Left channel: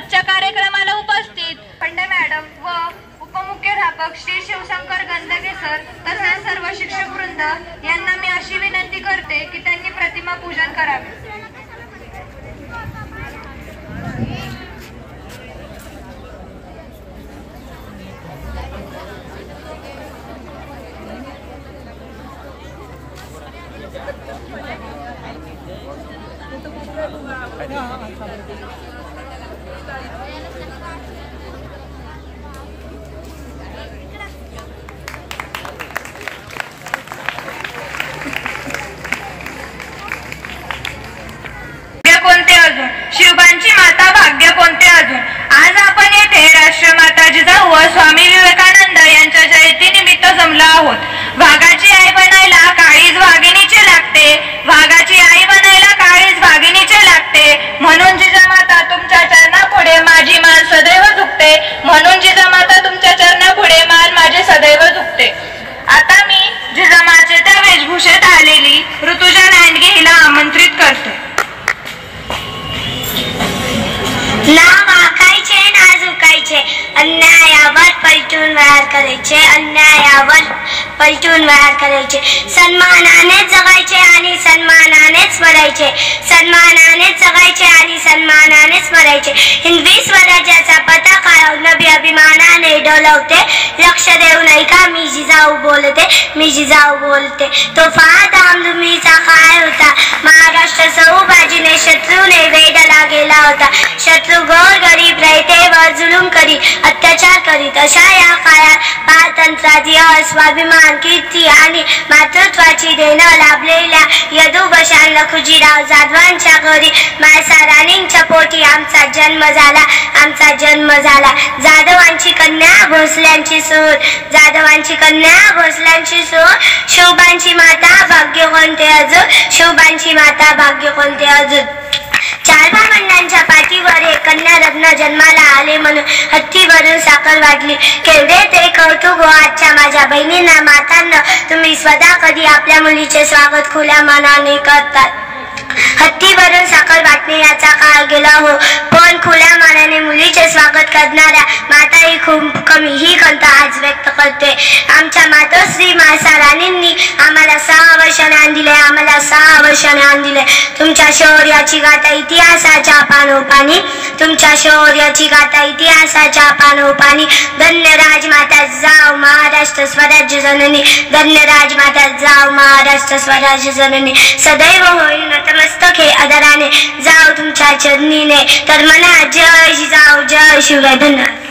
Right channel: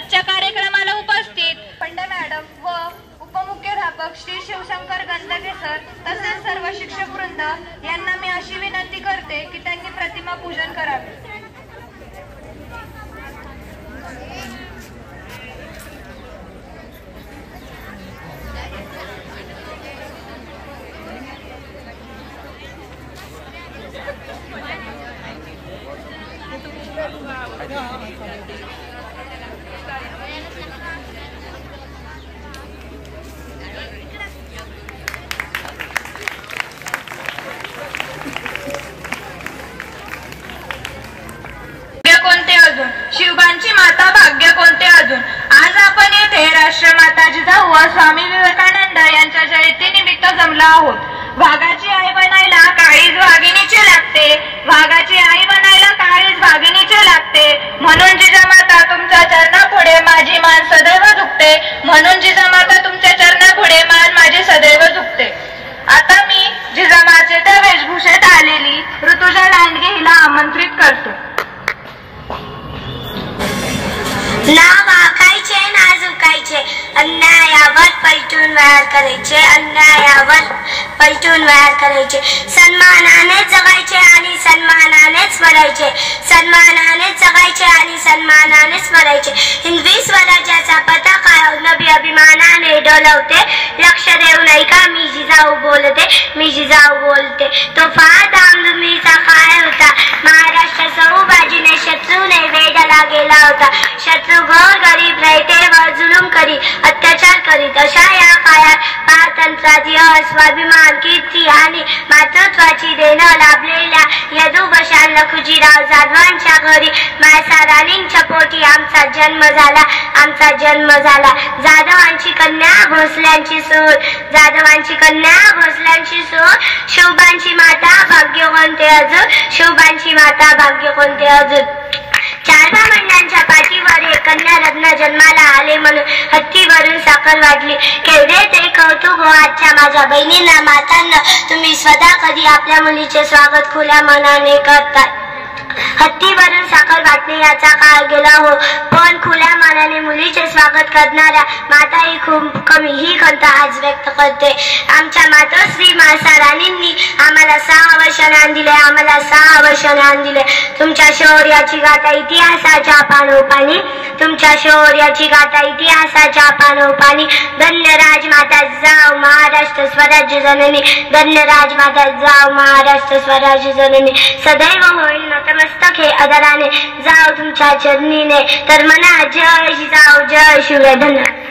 आजच्या कार्यक्रमाला उपस्थित पंडे मॅडम व उपमुख्याध्यापक श्री शिवशंकर गंदगे सर तसेच सर्व शिक्षक वृंद यांना मी अशी विनंती करते की त्यांनी प्रतिमा पूजन करावे. शिवबांची माता भाग्य कोणते अजून. आज आपण येथे राष्ट्रमाता जिजाऊ व स्वामी विवेकानंद यांच्या जयंतीनिमित्त जमलो आहोत. वाघाची आई बनायला काळीज वाघिणीचे लागते, वाघाची आई बनायला काळीज वाघिणीचे लागते. म्हणून जिजामाता तुमच्या चरणापुढे माझी मान सदैव झुकते, म्हणून जिजामाता तुमच्या चरणापुढे मान माझे सदैव झुकते. आता मी जिजामाचे त्या वेशभूषेत आलेली ऋतुजा लांडगे हिला आमंत्रित करतो. ना वाकायचे ना झुकायचे, अन्यायावर पलटून वार करायचे, अन्यायावर पलटून वार करायचे. सन्मानाने जगायचे आणि सन्मानानेच मरायचे, सन्मानाने जगायचे आणि सन्मानानेच मरायचे. हिंदवी स्वराज्याचा पताका नभी अभिमानाने डोलवते. लक्ष देऊ नाही का मी जिजाऊ बोलते, मी जिजाऊ बोलते. तो फार धामधुमीचा काळ होता. महाराष्ट्र सौबाजीने शत्रूने वेढला गेला होता. शत्रू गोर गरीब राहते व जुलूम करी अत्याचार करीत. अशा या काळात पारतंत्र्याची स्वाभिमान कीर्ती आणि मातृत्वाची देणं लाभलेल्या यदुवशान लखुजीराव जाधवांच्या घरी मायसा राणींच्या पोटी आमचा जन्म झाला, आमचा जन्म झाला. जाधवांची कन्या भोसल्यांची सूर, जाधवांची कन्या भोसल्यांची सूर. शिवबांची माता भाग्य कोणते अजून, शिवबांची माता भाग्य कोणते अजून. चार भावंडांच्या पाठीवर हे कन्या रत्न जन्माला आले म्हणून हत्तीवरून साखर वाढली. केवढे ते कौतुक आजच्या माझ्या बहिणींना मातांना. तुम्ही स्वतः कधी आपल्या मुलीचे स्वागत खुल्या मनाने करतात. हत्तीवरून साखर वाटणे याचा काळ गेला हो, पण खुल्या मनाने मुलीचे स्वागत करणाऱ्या माताही खूप कमी ही खंत आज व्यक्त करते. आमच्या मातोश्री मायसा राणींनी आम्हाला 6 वर्ष ज्ञान दिले, आम्हाला 6 वर्ष ज्ञान दिले. तुमच्या शौर्याची गाथा इतिहासाच्या पानोपानी, तुमच्या शौर्याची गाथा इतिहासाच्या पानोपानी. धन्य राजमाता जिजाऊ महाराष्ट्र स्वराज्य जननी, धन्य राजमाता जिजाऊ महाराष्ट्र स्वराज्य जननी. सदैव होईल नतमस्तक हे आदराने जाऊ तुमच्या चरणीने. तर म्हणा जय जिजाऊ जय शिवराय. धन्यवाद.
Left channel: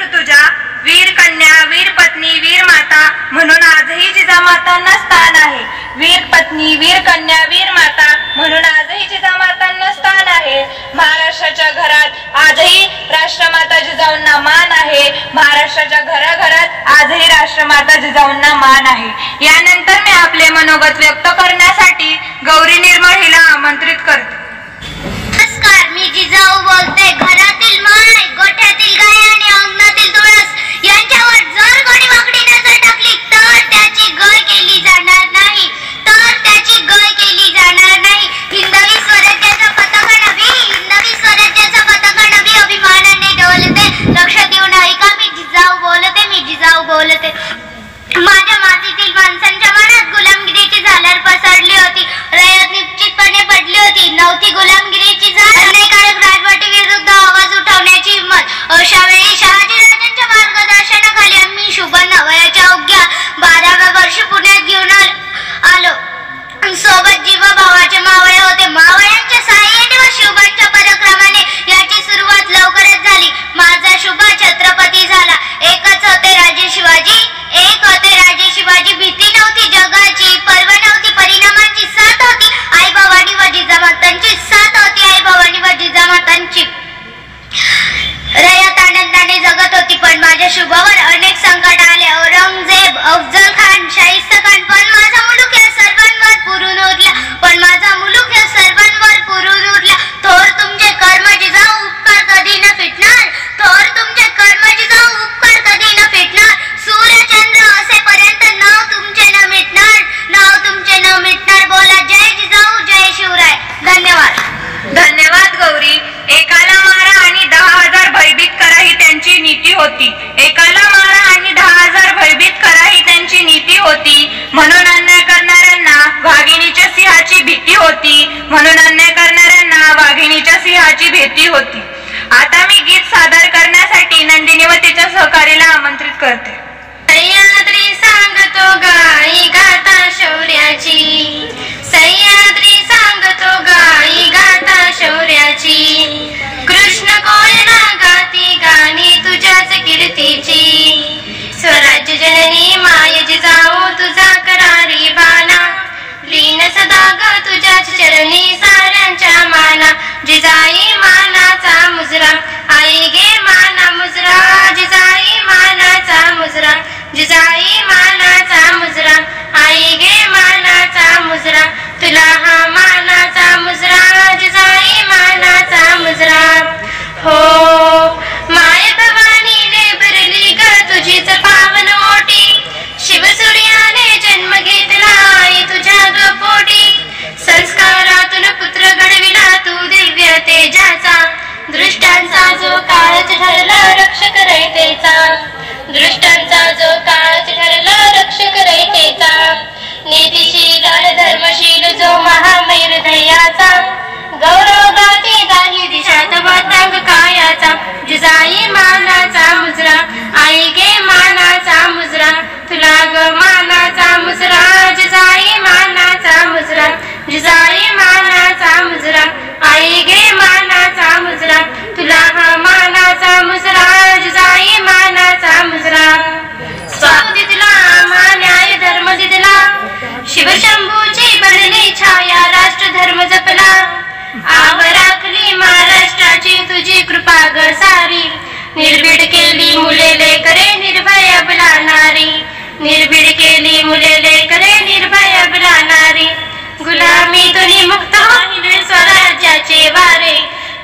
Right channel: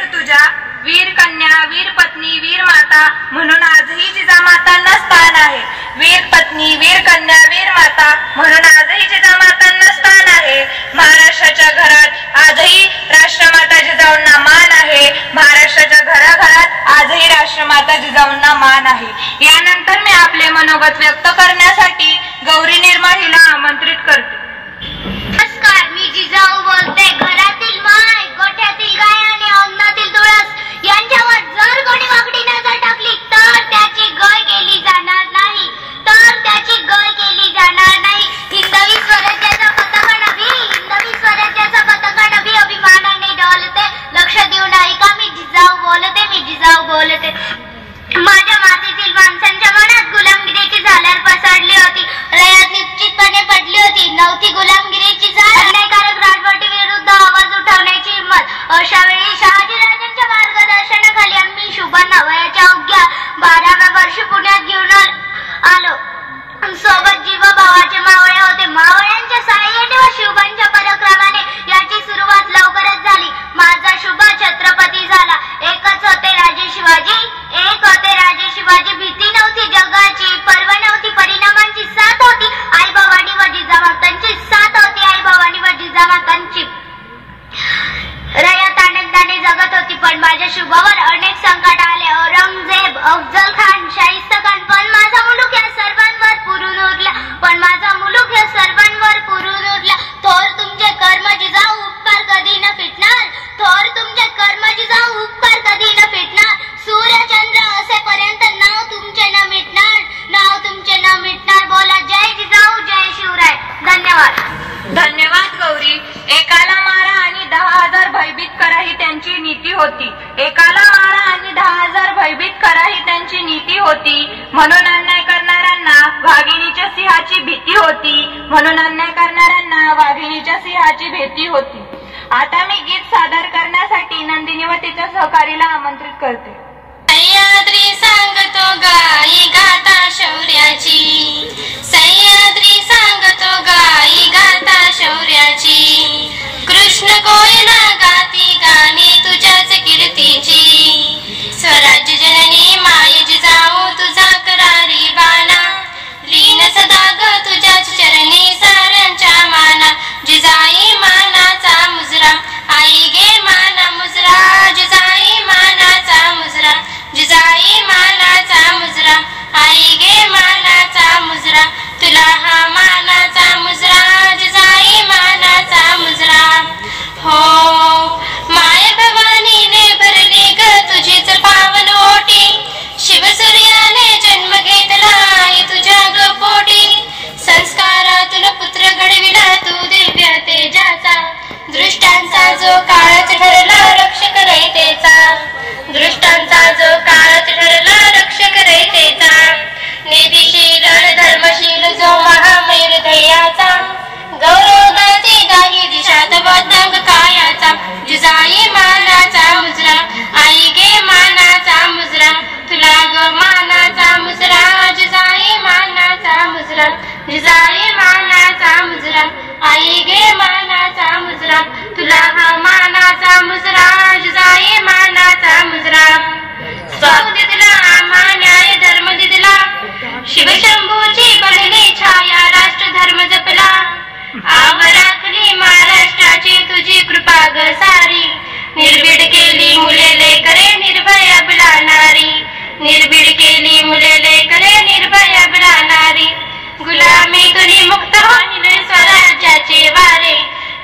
ऋतुजा वीर कन्या, वीर पत्नी, वीर माता म्हणून आजही जिजामातांना स्थान आहे. वीर पत्नी, वीर कन्या, वीर माता म्हणून आजही जिजामातांना स्थान आहे. महाराष्ट्राच्या घरात आजही राष्ट्रमाता जिजाऊंना मान आहे. महाराष्ट्राच्या घराघरात आजही राष्ट्रमाता जिजाऊंना मान आहे. यानंतर मी आपले मनोगत व्यक्त करण्यासाठी गौरी निर्मळ हिला आमंत्रित करते. नमस्कार, मी जिजाऊ बोलते. घरातील माय, गोठ्यातील गाय आणि अंगणातील तुळस यांच्यावर जर कोणी वाकडी नजर टाकली तर त्याची गय केली जाणार नाही, तर त्याची गय केली जाणार नाही. हिंदवी स्वराज्याचा पताका नभी, हिंदवी स्वराज्याचा पताका नभी अभिमानाने डोलते. लक्ष देऊ नाही का मी जिजाऊ बोलते, मी जिजाऊ बोलते. माझ्या मातीतील माणसांच्या मनात गुलामगिरीची झालर पसरली होती. रयत निश्चितपणे पडली होती. नव्हती गुलामगिरीची झालर, अन्यायकारक राजवटी विरुद्ध आवाज उठवण्याची हिंमत. अशा वेळी शहाजीराजांच्या मार्गदर्शनाखाली आम्ही शुभांना वयाच्या अवघ्या 12व्या वर्षी पुण्यात घेऊन आलो. सोबत जीवभावाचे मावळे होते. मावळ्यांच्या साहाय्याने व शिवबांच्या पराक्रमाने याची सुरुवात लवकरच झाली. माझा शुभ छत्रपती झाला. एकच होते राजे शिवाजी, एक होते राजे शिवाजी. भीती नव्हती जगाची, पर्व नव्हती, परिणामांची साथ होती. आई भवानी व जिजामातांची साथ होती, आई भवानी व जिजामातांची. रयत आनंदाने जगत होती, पण माझ्या शुभावर अनेक संकट आले. औरंगजेब, अफजल खान, शाहिस्त खान, पण माझा मुलूक या सर्वांवर पुरून उरला, पण माझा मुलूक या सर्वांवर पुरून उरला. थोर तुमचे कर्म जिजाऊ, उपकार कधी न फिटणार. थोर तुमचे कर्म जिजाऊ, उपकार कधी न फिटणार. सूर्य चंद्र असेपर्यंत नाव तुमचे न मिटणार, नाव तुमचे न मिटणार. बोला जय जिजाऊ जय शिवराय. धन्यवाद. धन्यवाद गौरी. एकाला मारा आणि 10,000 होती. आता मी गीत सादर करण्यासाठी नंदिनी व तिच्या सहकारीला आमंत्रित करते. सह्याद्री सांगतो गाई गाता शौर्याची, सह्याद्री सांगतो गाई गाता शौर्याची, कृष्ण कोयना गाती गाणी तुझ्याच कीर्तीची, स्वराज्य जननी माय जिजाऊ तुझा करारी बाणा, लीन सदा ग तुझ्याच चरणी साऱ्यांच्या माना, जिजाई मानाचा मुजरा आई गे माना मुजरा, जिजाई मानाचा मुजरा, जिजाई मानाचा मुजरा आई गे मानाचा मुजरा, तुला हा मानाचा मुजरा जिजाई मानाचा मुजरा. हो माय भवानीने भरली ग तुझीच पावन ओटी, शिवसूर्याने जन्म घेतला आई तुझ्या ग पोटी, संस्कारातून पुत्र घडविला तू दिव्य तेजाचा, दृष्टांचा जो काळच ठरला रक्षक रयतेचा, दृष्टांचा जो काळच ठरला रक्षक रयतेचा, नीतिशील धर्मशील जो महामैर ध्येयाचा, गौरव गाती गाही दिशात बदंग कायाचा, जिजाई मानाचा मुजरा आई गे मानाचा मुजरा, तुला ग मानाचा मुजरा जिजाई मानाचा मुजरा, जिजाई मानाचा मुजरा आई गे मानाचा मुजरा, तुला हा मानाचा मुजरा जिजाई मानाचा मुजरा. स्वाऊ दिदला आम्हा न्याय धर्म दिदला, शिवशंभूची बनली छाया राष्ट्र धर्म जपला, आव राखली महाराष्ट्राची तुझी कृपा ग सारी, निर्भीड केली मुले लेकरे निर्भय अबला नारी, निर्भीड केली मुले लेकरे निर्भय अबला नारी, गुलामीतून मुक्त होईल स्वराज्याचे वारे,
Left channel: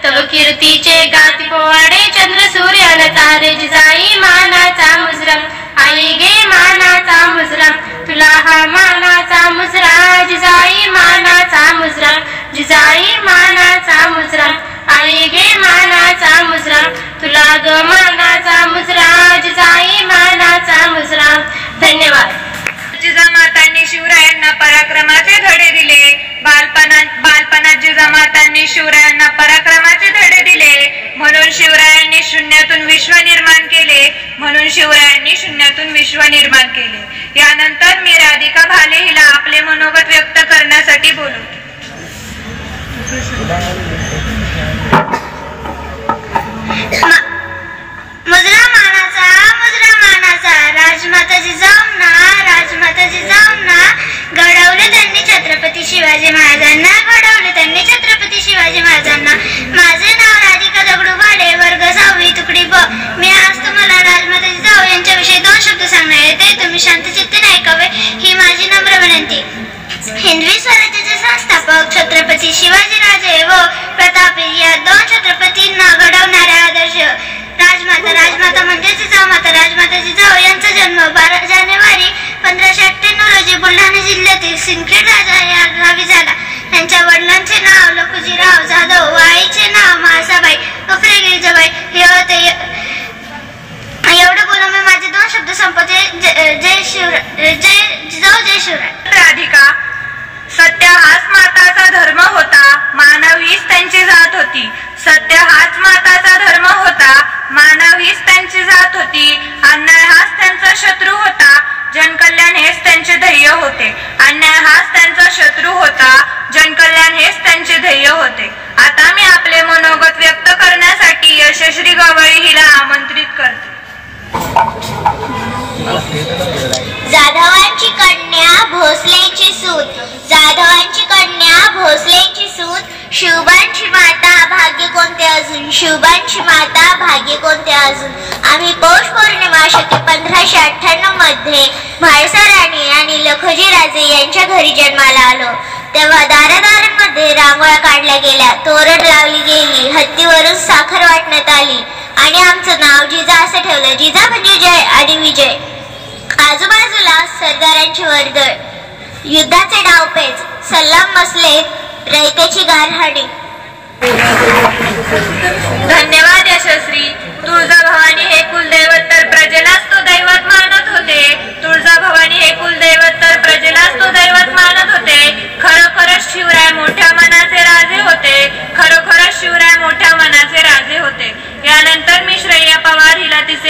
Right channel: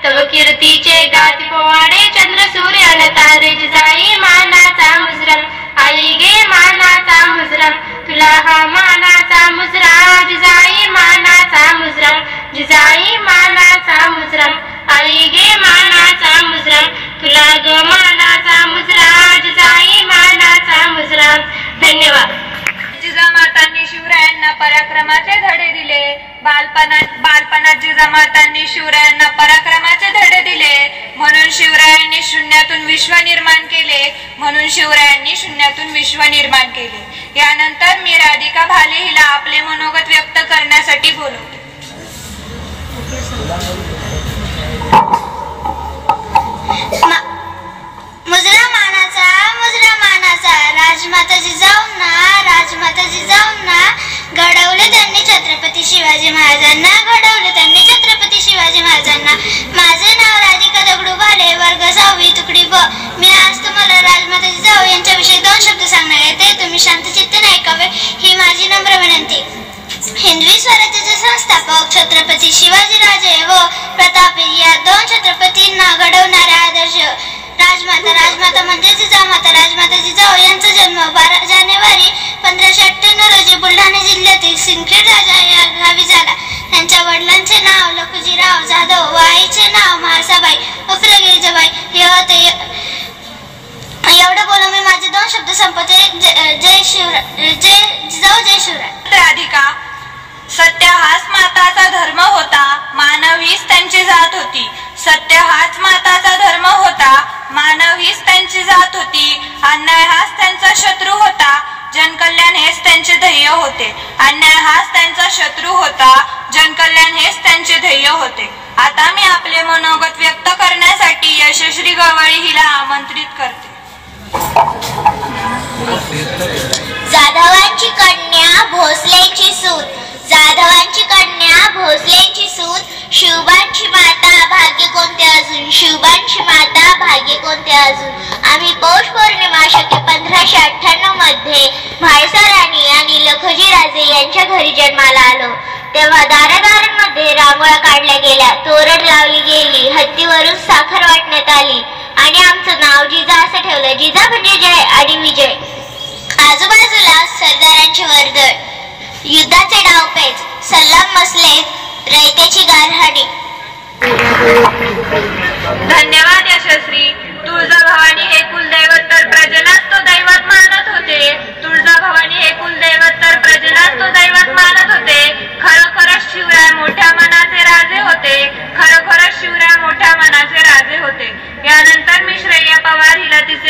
तव कीर्तीचे गाती पोवाडे चंद्र सूर्य न तारे, जिजाई मानाचा मुजरा आई गे मानाचा मुजरा, तुला हा मानाचा मुजरा जिजाई मानाचा मुजरा, जिजाई मानाचा मुजरा आई गे मानाचा मुजरा, तुला ग मानाचा मुजरा जिजाई मानाचा मुजरा. धन्यवाद. जिजामातांनी शिवरायांना पराक्रमाचे धडे दिले, बालपणात जिजामातांनी शिवरायांना पराक्रमाचे धडे दिले, म्हणून शिवरायांनी शून्यातून विश्व निर्माण केले, म्हणून शिवरायांनी शून्यातून विश्व निर्माण केले. यानंतर मी राधिका भाले हिला आपले मनोगत व्यक्त करण्यासाठी बोलवते. मुजरा मानाचा राजमाता जिजाऊंना, राजमाता जिजाऊंना घडवले त्यांनी छत्रपती शिवाजी महाराजांना, घडवले त्यांनी छत्रपती शिवाजी महाराजांना. माझे नाव राधिका दगडू भाले, वर्ग 6वी, तुकडी ब. मी आज तुम्हाला राजमाता जिजाऊ यांच्याविषयी 2 शब्द सांगणार येते. तुम्ही शांतचित्ताने ऐकावे ही माझी नम्र विनंती. हिंदवी स्वराज्याचे संस्थापक छत्रपती शिवाजीराजे व प्रतापी या 2 छत्रपतींना घडवणारे आदर्श राजमाता. राजमाता म्हणजे जिजाऊमाता. राजमाता जिजाऊ यांचा जन्म 12 जानेवारी 1598 रोजी बुलढाणा जिल्ह्यातील सिंदखेड राजा या गावी झाला. त्यांच्या वडिलांचे नाव लखुजीराव जाधव व आईचे नाव म्हाळसाबाई उर्फ गिरिजाबाई हे होते. एवढं बोलून मी माझे 2 शब्द संपवते. जय शिवराय, जय जिजाऊ, जय शिवराय. राधिका, सत्य हाच माताचा धर्म होता, मानव हीच त्यांची जात होती. सत्य हाच माताचा धर्म होता, मानव हीच त्यांची जात होती. अन्याय हाच त्यांचा शत्रू होता, जनकल्याण हेच त्यांचे ध्येय होते. अन्याय हाच त्यांचा शत्रू होता, जनकल्याण हेच त्यांचे ध्येय होते. आता मी आपले मनोगत व्यक्त करण्यासाठी यशश्री गवळी हिला आमंत्रित करते. जाधवांची कन्या भोसलेची सूत, जाधवांची कन्या भोसलेची सूत, शिवबांची माता भाग्य कोणते अजून, शिवबांची माता भाग्य कोणते अजून. आम्ही पौष पौर्णिमा शके 1598 मध्ये म्हाळसा राणी आणि लखोजीराजे यांच्या घरी जन्माला आलो. तेव्हा दारादारांमध्ये रांगोळ्या काढल्या गेल्या, तोरण लावली गेली, हत्तीवरून साखर वाटण्यात आली आणि आमचं नाव जिजा असं ठेवलं. जिजा म्हणजे जय आणि विजय. आजूबाजूला सरदारांची वर्दळ, युद्धाचे डावपेच, सल्लाम मसले, रयतेची गारहाणी. धन्यवाद यशस्वी. तुळजाभवानी हे कुलदैवत तर प्रजेलाच तो दैवत मानत होते. तुळजाभवानी हे कुलदैवत तर प्रजेलाच तो दैवत मानत होते. खरोखरच शिवराय मोठ्या मनाचे राजे होते. खरोखरच शिवराय मोठ्या मनाचे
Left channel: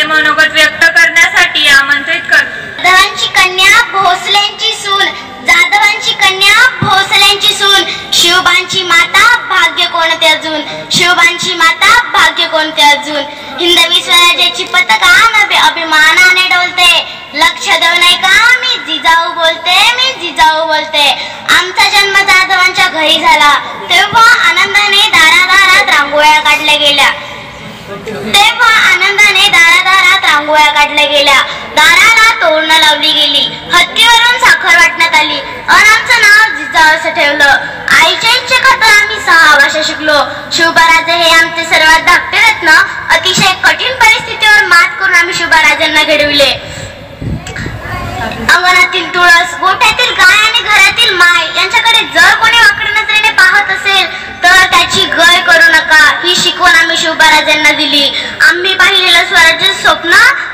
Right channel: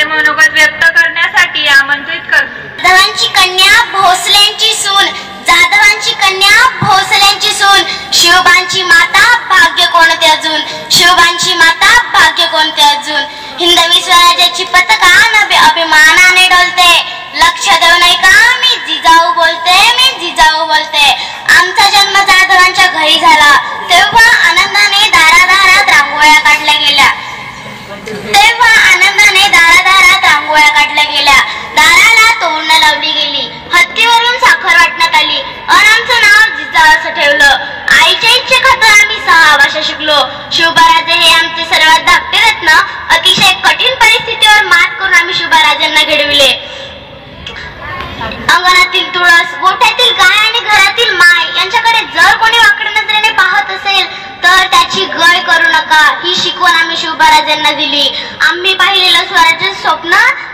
मनोगत व्यक्त करण्यासाठी आमंत्रित करतो. जाधवांची कन्या भोसलेंची सून, जाधवांची कन्या भोसलेंची सून, शिवबांची माता भाग्य कोणते अजून, शिवबांची माता भाग्य कोणते अजून. हिंदवी स्वराज्याची पताका नभे अभिमानाने डोलते, लक्ष देऊ नाही का मी जिजाऊ बोलते, मी जिजाऊ बोलते. आमचा जन्म जाधवांच्या घरी झाला तेव्हा आनंदाने दारादारात रांगोळ्या काढल्या गेल्या, तेव्हा आनंदाने दारादारात रांगोळ्या काढल्या गेल्या, दाराला तोरणं लावली गेली, हत्तीवरून साखर वाटण्यात आली आणि आमचं नाव जिजाऊ असं ठेवलं. आईच्या इच्छेखातर आम्ही 6 भाषा शिकलो. शिवबाराजे हे आमचे सर्वात धाकटे रत्न. अतिशय कठीण परिस्थितीवर मात करून आम्ही शिवबाराजांना घडविले. अंगणातील तुळस, गोठ्यातील गाय आणि घरातील माय यांच्याकडे जर कोणी वाकड्या नजरेने पाहत असेल तर त्याची गय करू नका, ही शिकवण आम्ही शिवबाराजांना दिली. आम्ही पाहिलेलं स्वराज्य स्वप्न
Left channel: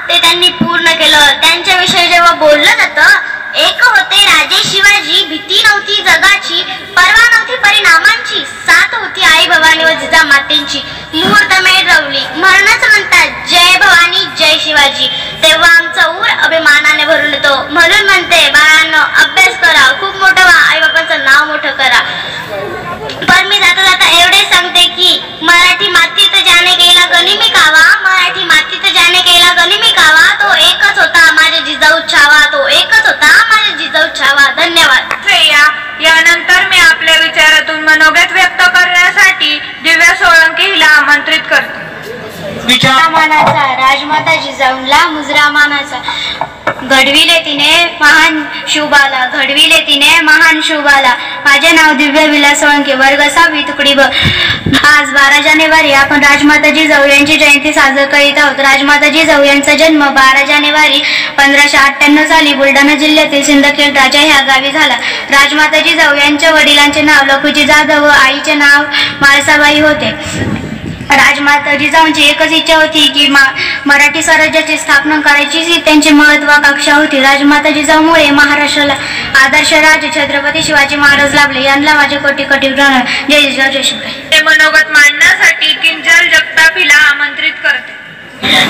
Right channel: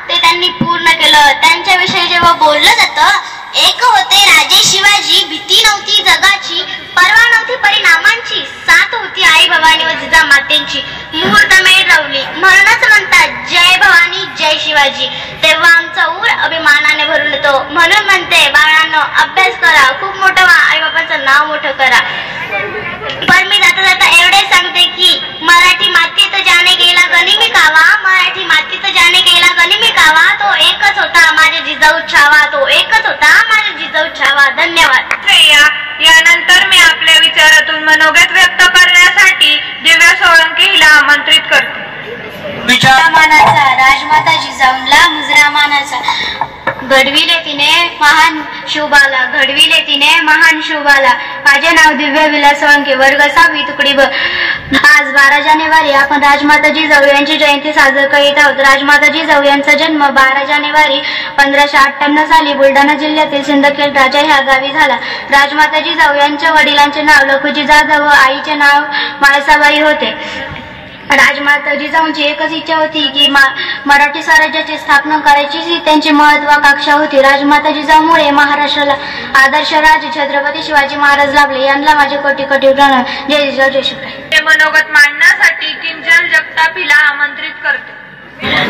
ते त्यांनी पूर्ण केलं. त्यांच्याविषयी जेव्हा बोललं जातं, एक होते राजे शिवाजी, भीती नव्हती जगाची, परवा नव्हती परिणामांची, साथ होती आई भवानी व जिजा मातेंची, मुहूर्तमेढ रवली, म्हणूनच म्हणतात जय भवानी जय शिवाजी. तेव्हा आमचा ऊर अभिमानाने भरून येतो. म्हणून म्हणते बाळांनो, अभ्यास करा, खूप मोठं व्हा, आई बाबांचं नाव मोठं करा. पण मी जाता जाता एवढे सांगते की मराठी मातीत ज्याने केला गनिमी कावा, मराठी मातीत ज्याने केला गनिमी कावा, तो एकच होता माझे जिजाऊ छावा, तो एकच होता माझे जिजाऊ छावा. धन्यवाद. यानंतर मी आपल्या विचारातून मनोगत व्यक्त करण्यासाठी दिव्या सोळंकी हिला आमंत्रित करते. मानाचा राजमाता जिजाऊंला मुजरा मानाचा, घडविले तिने महान शिवबाला, घडविले तिने महान शिवबाला. माझे नाव दिव्या विलास सोळंकी, वर्ग 6वी, तुकडी ब. आज 12 जानेवारी आपण राजमाता जिजाऊ यांची जयंती साजरी करीत आहोत. राजमाता जिजाऊ यांचा जन्म 12 जानेवारी 1598 साली बुलढाणा जिल्ह्यातील सिंदखेड राजा ह्या गावी झाला. राजमाता जिजाऊ यांच्या वडिलांचे नाव लखुजी जाधव व आईचे नाव माळसाबाई होते. राजमाता जिजाऊंची एकच इच्छा होती की मराठी स्वराज्याची स्थापना करायची, ही त्यांची महत्वाकांक्षा होती. राजमाता जिजाऊमुळे महाराष्ट्राला आदर्श राजे छत्रपती शिवाजी महाराज लाभले. यांना माझे कोटी कोटी प्रणाम. जय जिजाऊ जय शिवराय. ते मनोगत मांडण्यासाठी किंजल जगताप हिला आमंत्रित करते.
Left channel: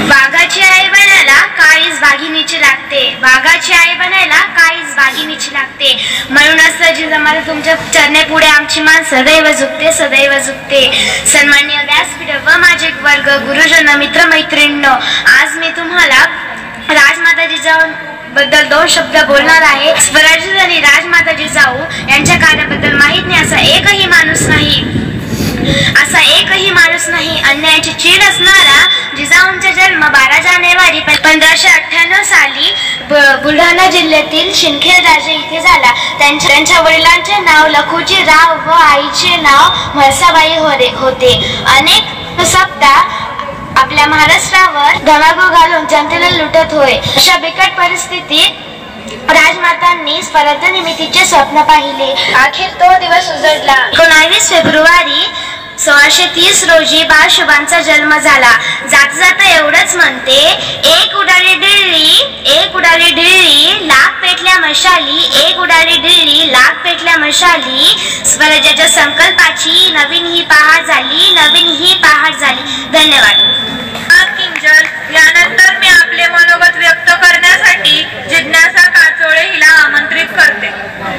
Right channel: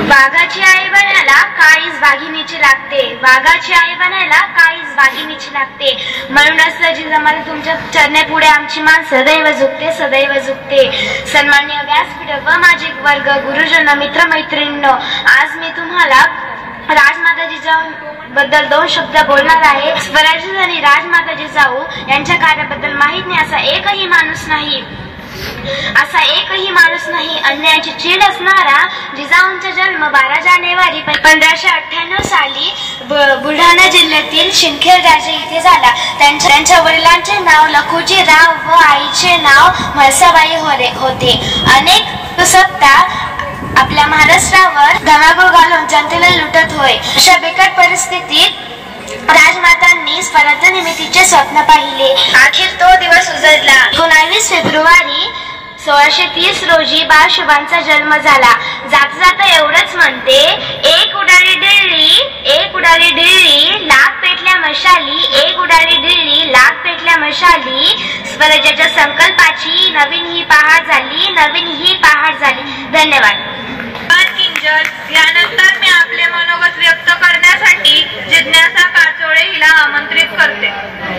वाघाची आई बनायला काळीच वाघिणीची लागते, वाघाची आई बनायला काळीच वाघिणीची लागते. म्हणूनच जिजामाता तुमच्या चरणे पुढे आमची मान सदैव झुकते, सदैव झुकते. सन्माननीय व्यासपीठ व माझे वर्ग, गुरुजन, मित्र मैत्रिणींनो, आज मी तुम्हाला राजमाता जिजाऊ बद्दल 2 शब्द बोलणार आहे. स्वराज्य आणि राजमाता जिजाऊ यांच्या कार्याबद्दल माहित नाही असा एकही माणूस नाही, असा एकही माणूस नाही. अन्यायाची चीड असणारा जिजाऊंचा जन्म 12 जानेवारी 1598 साली बुलढाणा जिल्ह्यातील सिंदखेड राजे इथे झाला. त्यांच्या वडिलांचे नाव लखुजी राव व आईचे नाव म्हळसाबाई होते. अनेक सप्ता आपल्या महाराष्ट्रावर धनागो घालून जनतेला लुटत होय. अशा बिकट परिस्थितीत राजमातांनी स्वराज्य निर्मितीचे स्वप्न पाहिले. अखेर तो दिवस उजडला. 19 फेब्रुवारी 1630 रोजी बाळशुभांचा जन्म झाला. जाता जाता एवढंच म्हणते, एक उडाली ढिळली, एक उडाली ढिळली, लाख पेटल्या मशाली, एक उडाली ढिळली, लाख पेटल्या मशाली. स्वराज्याच्या संकल्पाची नवीन ही पहाट झाली, नवीन ही पहाट झाली. धन्यवाद. किंजल, यानंतर मी आपले मनोगत व्यक्त करण्यासाठी जिज्ञासा काचोळे हिला आमंत्रित करते.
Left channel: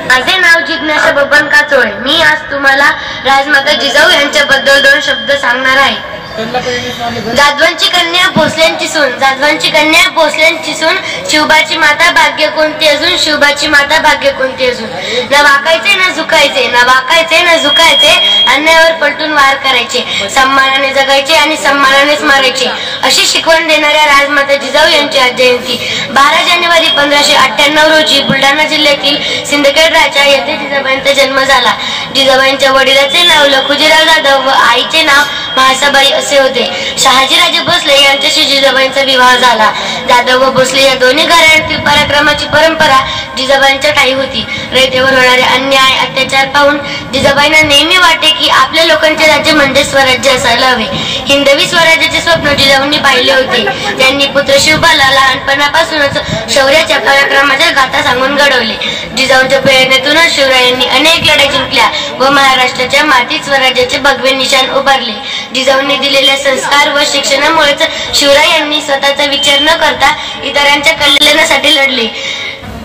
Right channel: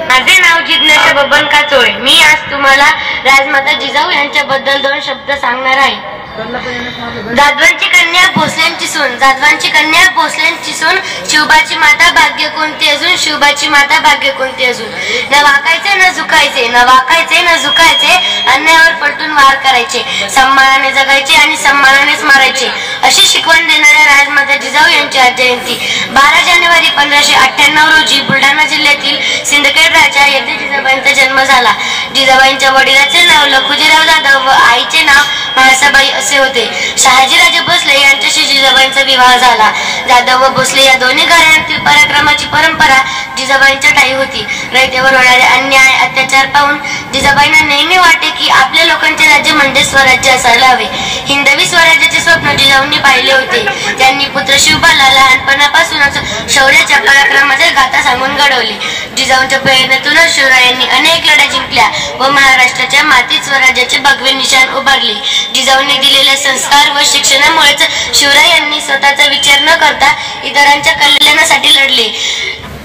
माझे नाव जिज्ञासा बबन काचोळे. मी आज तुम्हाला राजमाता जिजाऊ यांच्याबद्दल 2 शब्द सांगणार आहे. जाधवांची कन्या भोसलेंची सून, जाधवांची कन्या भोसलेंची सून, शिवबाची माता भाग्य कोणती अजून, शिवबाची माता भाग्य कोणती अजून. न वाकायचे न झुकायचे, न वाकायचे न झुकायचे, अन्यायावर पलटून वार करायचे, सन्मानाने जगायचे आणि सन्मानानेच मारायचे, अशी शिकवण देणाऱ्या राजमाता जिजाऊ यांची आज जयंती. 12 जानेवारी 1598 रोजी बुलढाणा जिल्ह्यातील सिंदखेड राजा येथे जिजाबाईंचा जन्म झाला. जिजाबाईंच्या वडिलांचे नाव लखुजीराव जाधव व आईचे नाव म्हाळसाबाई असे होते. शहाजीराजे भोसले यांच्याशी जिजाबाईंचा विवाह झाला. जाधव व भोसले या दोन्ही घराण्यातील पराक्रमाची परंपरा जिजाबाईंच्या ठाई होती. रयतेवर होणारे अन्याय अत्याचार पाहून जिजाबाईंना नेहमी वाटे की आपल्या लोकांचे राज्य म्हणजे स्वराज्य असायला हवे. हिंदवी स्वराज्याचे स्वप्न जिजाऊंनी पाहिले होते. त्यांनी पुत्र शिवबाला लहानपणापासूनच शौर्याच्या पराक्रमाच्या गाथा सांगून घडवले. जिजाऊंच्या प्रेरणेतूनच शिवरायांनी अनेक लढाई जिंकल्या व महाराष्ट्राच्या मातीत स्वराज्याचे भगवे निशाण उभारले. जिजाऊंनी दिलेल्या संस्कार व शिक्षणामुळेच शिवरायांनी स्वतःचा विचार न करता इतरांच्या कल्याणासाठी लढले,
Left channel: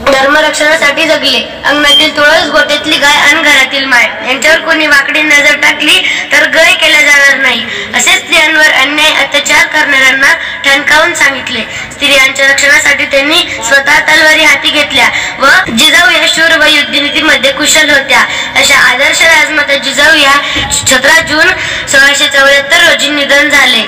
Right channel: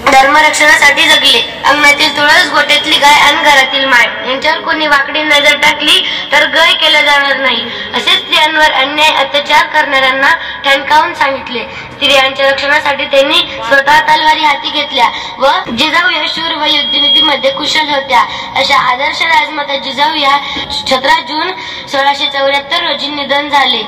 धर्मरक्षणासाठी जगले. अंगणातील तुळस, गोठ्यातली गाय आणि घरातील माय यांच्यावर कोणी वाकडी नजर टाकली तर गय केला जाणार नाही असे स्त्रियांवर अन्याय अत्याचार करणाऱ्यांना ठणकावून सांगितले. स्त्रियांच्या रक्षणासाठी त्यांनी स्वतः तलवारी हाती घेतल्या व जिजाऊ या शूर व युद्धनीतीमध्ये कुशल होत्या. अशा आदर्श राजमाता जिजाऊ या 17 जून 1674 रोजी निधन झाले.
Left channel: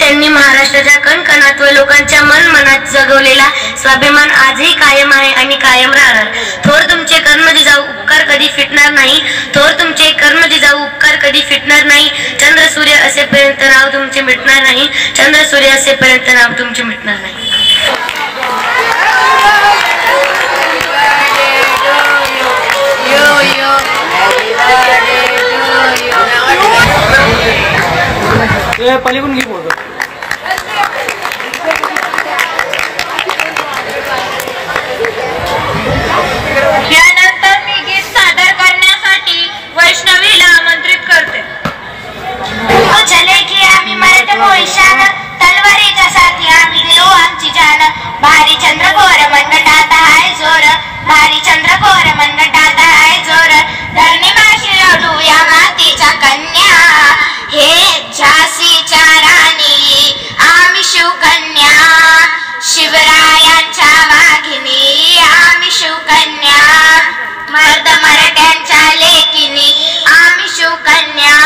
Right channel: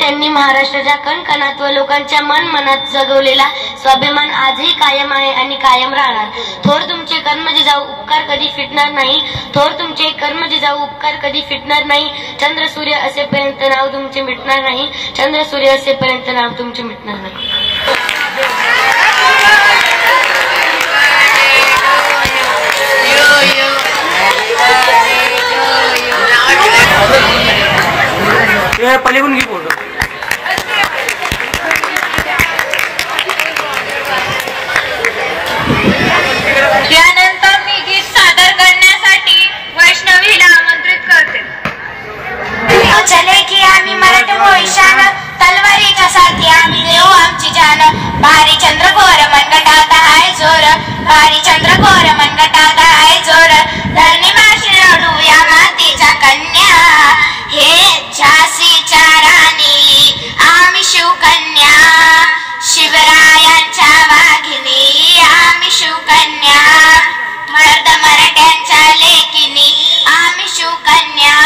त्यांनी महाराष्ट्राच्या कणकणात व लोकांच्या मनात जगवलेला स्वाभिमान आजही कायम आहे आणि कायम राहणार. थोर तुमचे कर्म जिजाऊ, उपकार कधी फिटणार नाही. थोर तुमचे कर्म जिजाऊ, उपकार कधी फिटणार नाही. चंद्र सूर्य असेपर्यंत नाव तुमचे मिटणार नाही. चंद्र सूर्य असेपर्यंत नाव तुमचे मिटणार नाही. पलीकडून घे फोटो. यानंतर मी गीत सादर करण्यासाठी वैष्णवीला आमंत्रित करते. चले की आम्ही मराठ मोहिशान, तलवारीच्या साथी आम्ही देऊ आमची जान. भारी चंद्रकोर मनगटात हाय जोर, भारी चंद्रकोर मनगटात हाय जोर. धरणी माशी लढू या मातीच्या कन्या, हे झाशीच्या राणी आम्ही शिवकन्या. शिवरायांच्या वाघिनी आम्ही शिवकन्या. मर्द मराठ्यांच्या लेकिनी आम्ही शिवकन्या.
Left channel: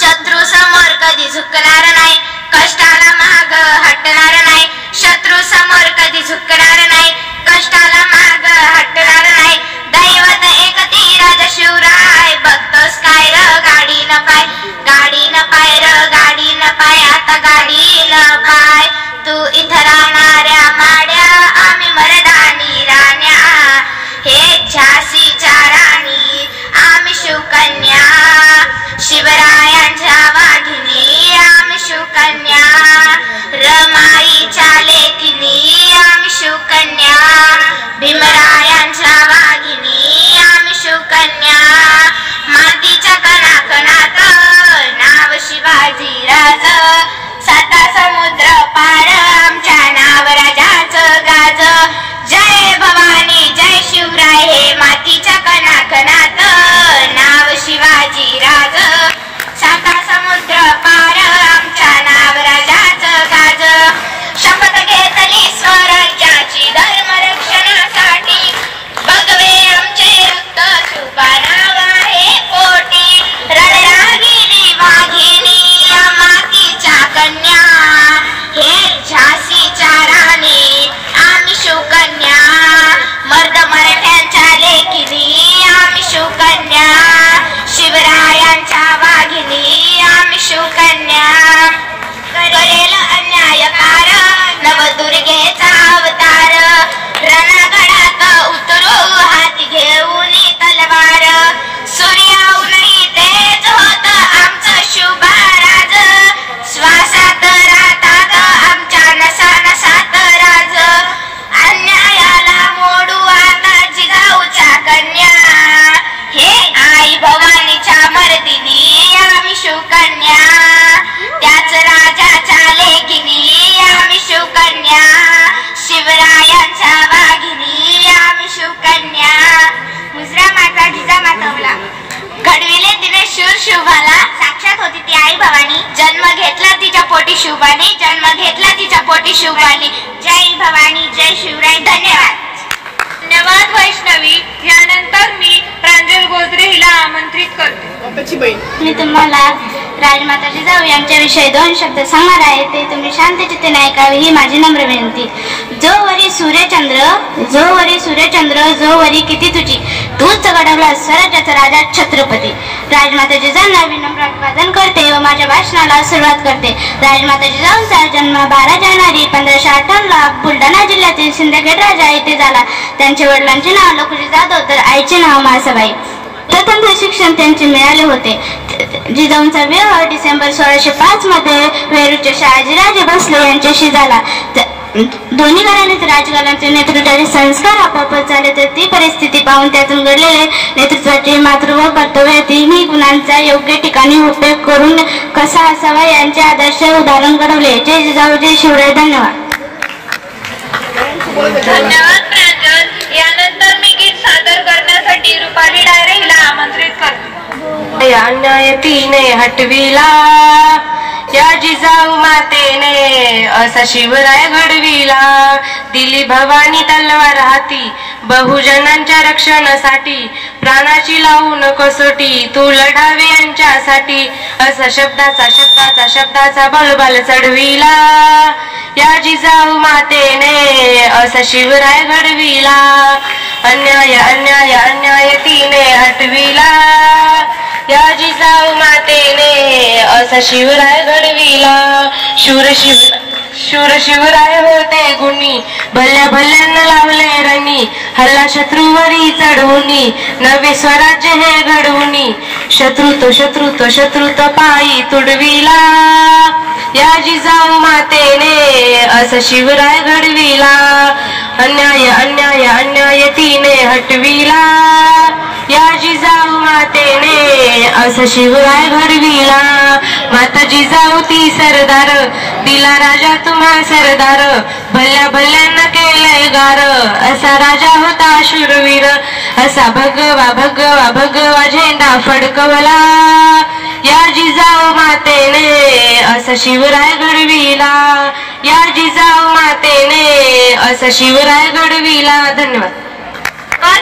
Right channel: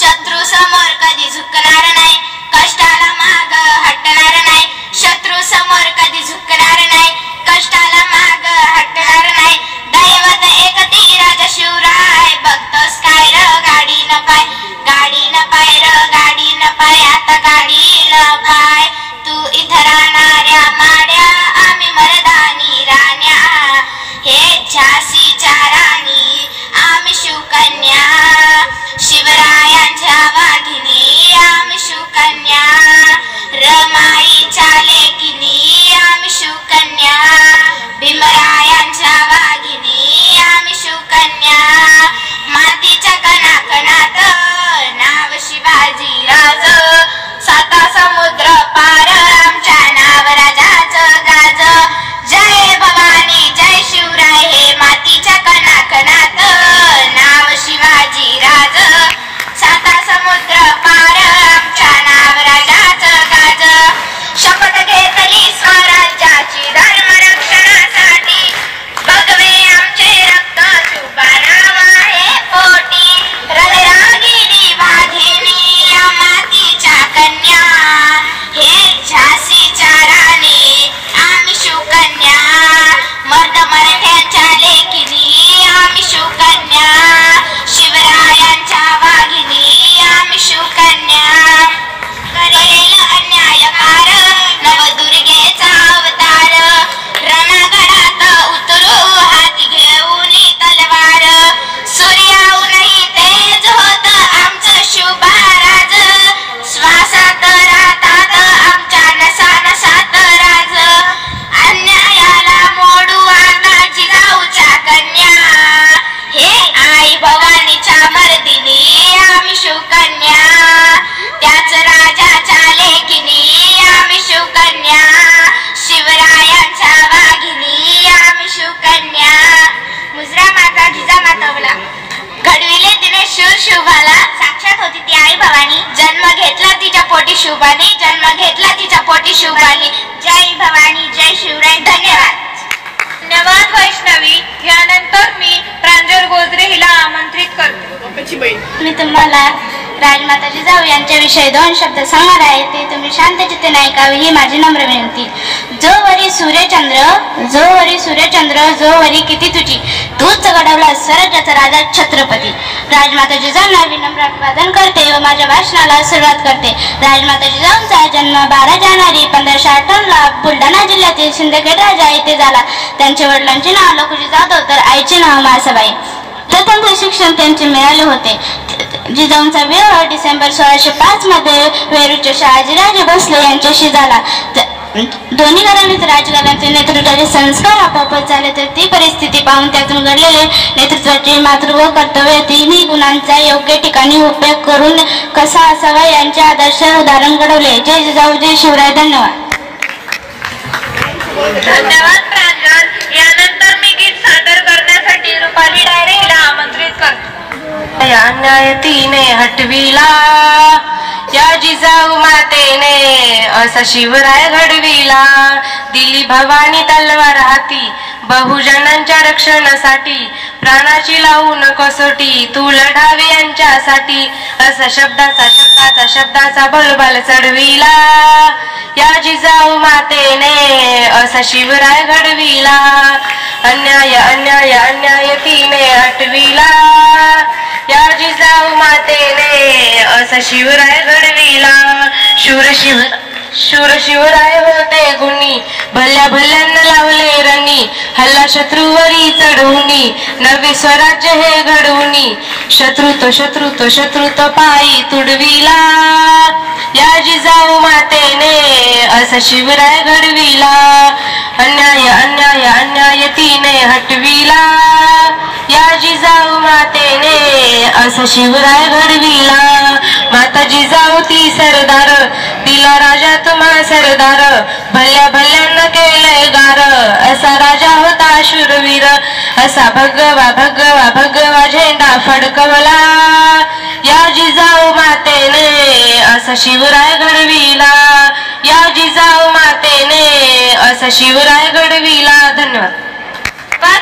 शत्रू समोर कधी झुकणार नाही, कष्टाला माग हटणार नाही. शत्रू समोर कधी झुकणार नाही, कष्टाला माग हटणार नाही. दैवत एक ती राजा शिवराय, बघतोस काय र गाडी न पाय, गाडी न पाय र गाडी न पाय, आता गाडी न पाय. तू इथं राहणाऱ्या माड्या आम्ही मर्दानी राण्या, हे झाशीच्या राणी आम्ही शिवकन्या. शिवरायांच्या वाघिनी आम्ही शिवकन्या. रमाईच्या लेकिनी आम्ही शिवकन्या. भीमरायांच्या वाघिनी आम्ही शिवकन्या. मातीच्या कणाकणात नाव शिवाजीराज, 7 समुद्र पार आमच्या नाव राजाचं गाज. जय भवानी जय शिवराय, हे मातीच्या कणाकणात नाव शिवाजीराज. 7 समुद्र पार आमच्या नाव राजाचं गाज. शपथ घेतली स्वराज्याची धर्मरक्षणासाठी, भगवे आमचे रक्त शुभा नाव आहे पोटी. रणरागिणी वाघिनी या मातीच्या कन्या, हे झाशीच्या राणी आम्ही शिवकन्या. मर्द मराठ्यांच्या लेकिनी आम्ही शिवकन्या. शिवरायांच्या वाघिनी आम्ही शिवकन्या. करेल अन्यायकार नवदुर्गेचा अवतार, रणगडात उतरू हाती घेऊन तलवार. सूर्याहूनही तेज होत आमचं शिवबाराज, श्वासात राहतात आमच्या नसा नसात राज. अन्यायाला मोडू आता जिजाऊच्या कन्या, हे आई भवानीच्या मर्दिनी आम्ही शिवकन्या. त्याच राजाच्या लेकिनी आम्ही शिवकन्या. शिवरायांच्या वाघिनी आम्ही शिवकन्या. मुजरा माता जिजामाता मला घडविले तिने शूर शिवबाला, साक्षात होती ती आई भवानी. जन्म घेतला तिच्या पोटी शिवबाने, जन्म घेतला तिच्या पोटी शिवबाने. जय भवानी जय शिवराय. धन्यवाद. धन्यवाद वैष्णवी. यानंतर मी प्रांजल गोजरे हिला आमंत्रित करते. मी तुम्हाला राजमाता जिजाऊ यांच्याविषयी 2 शब्द सांगणार आहे, ते तुम्ही शांत चित्तेने ऐकावे ही माझी नम्र विनंती. जो वरी सूर्यचंद्र जो वरी किती तुझी, तूच घडवला स्वराज्याचा राजा छत्रपती. राजमाता जिजाऊंना विनम्र अभिवादन करते व माझ्या भाषणाला सुरुवात करते. राजमाता जिजाऊंचा जन्म 12 जानेवारी 1558 बुलढाणा जिल्ह्यातील सिंदखेड राजा येथे झाला. त्यांच्या वडिलांचे नाव लखुजी जाधव तर आईचे नाव मासाबाई. स्वतंत्र शिक्षण त्यांचे मिळाले होते. जिजाऊंचा विवाह डिसेंबर 1605 मध्ये वेरूळच्या शहाजीराजे भोसले यांच्याशी झाला. दोन्ही घराण्यात राजकारणाचे नेतृत्वाचे संस्कार आपोआपच झाले, तर ती परिस्थिती पाहून त्यातून घडलेले नेतृत्वाचे मातृत्व कर्तव्य तिन्ही गुणांचा योग्य ठिकाणी उपयोग करून कसा असावा यांचे आदर्श उदाहरण घडवले. जय जिजाऊ, जय शिवराय. धन्यवाद. धन्यवाद प्रांजल. यानंतर मी गीत सादर करण्यासाठी रुपाली डायरे हिला आमंत्रित करतो. अन्याय तिने हटविला या जिजाऊ मातेने असा शिवराय घडविला. दिली भवानी तलवार हाती बहुजनांच्या रक्षणासाठी, प्राणाची लावून कसोटी तू लढावी यांच्यासाठी. असा शब्दाचा बलबल चढविला या जिजाऊ मातेने असा शिवराय घडविला. अन्याय तिने हटविला या जिजाऊ मातेने असा शिवराय घडविला. शूर शिवराय होते गुणी, भल्यांना लावले रणी, हल्ला शत्रूवरी चढवणी, नवे स्वराज्य हे घडवणी. शत्रुत्व पायी तुडविला या जिजाऊ मातेने असा शिवराय घडविला. अन्याय तिने हटविला या जिजाऊ मातेने असा शिवराय घडविला. माता जिजाऊ ती सरदार, दिला राजा तुम्हा सरदार, भल्यांना केलंय गार. असा राजा होता शूरवीर, असा भगवा झेंडा फडकवला या जिजाऊ मातेने असा शिवराय घडविला. या जिजाऊ मातेने असा शिवराय घडविला. धन्यवाद.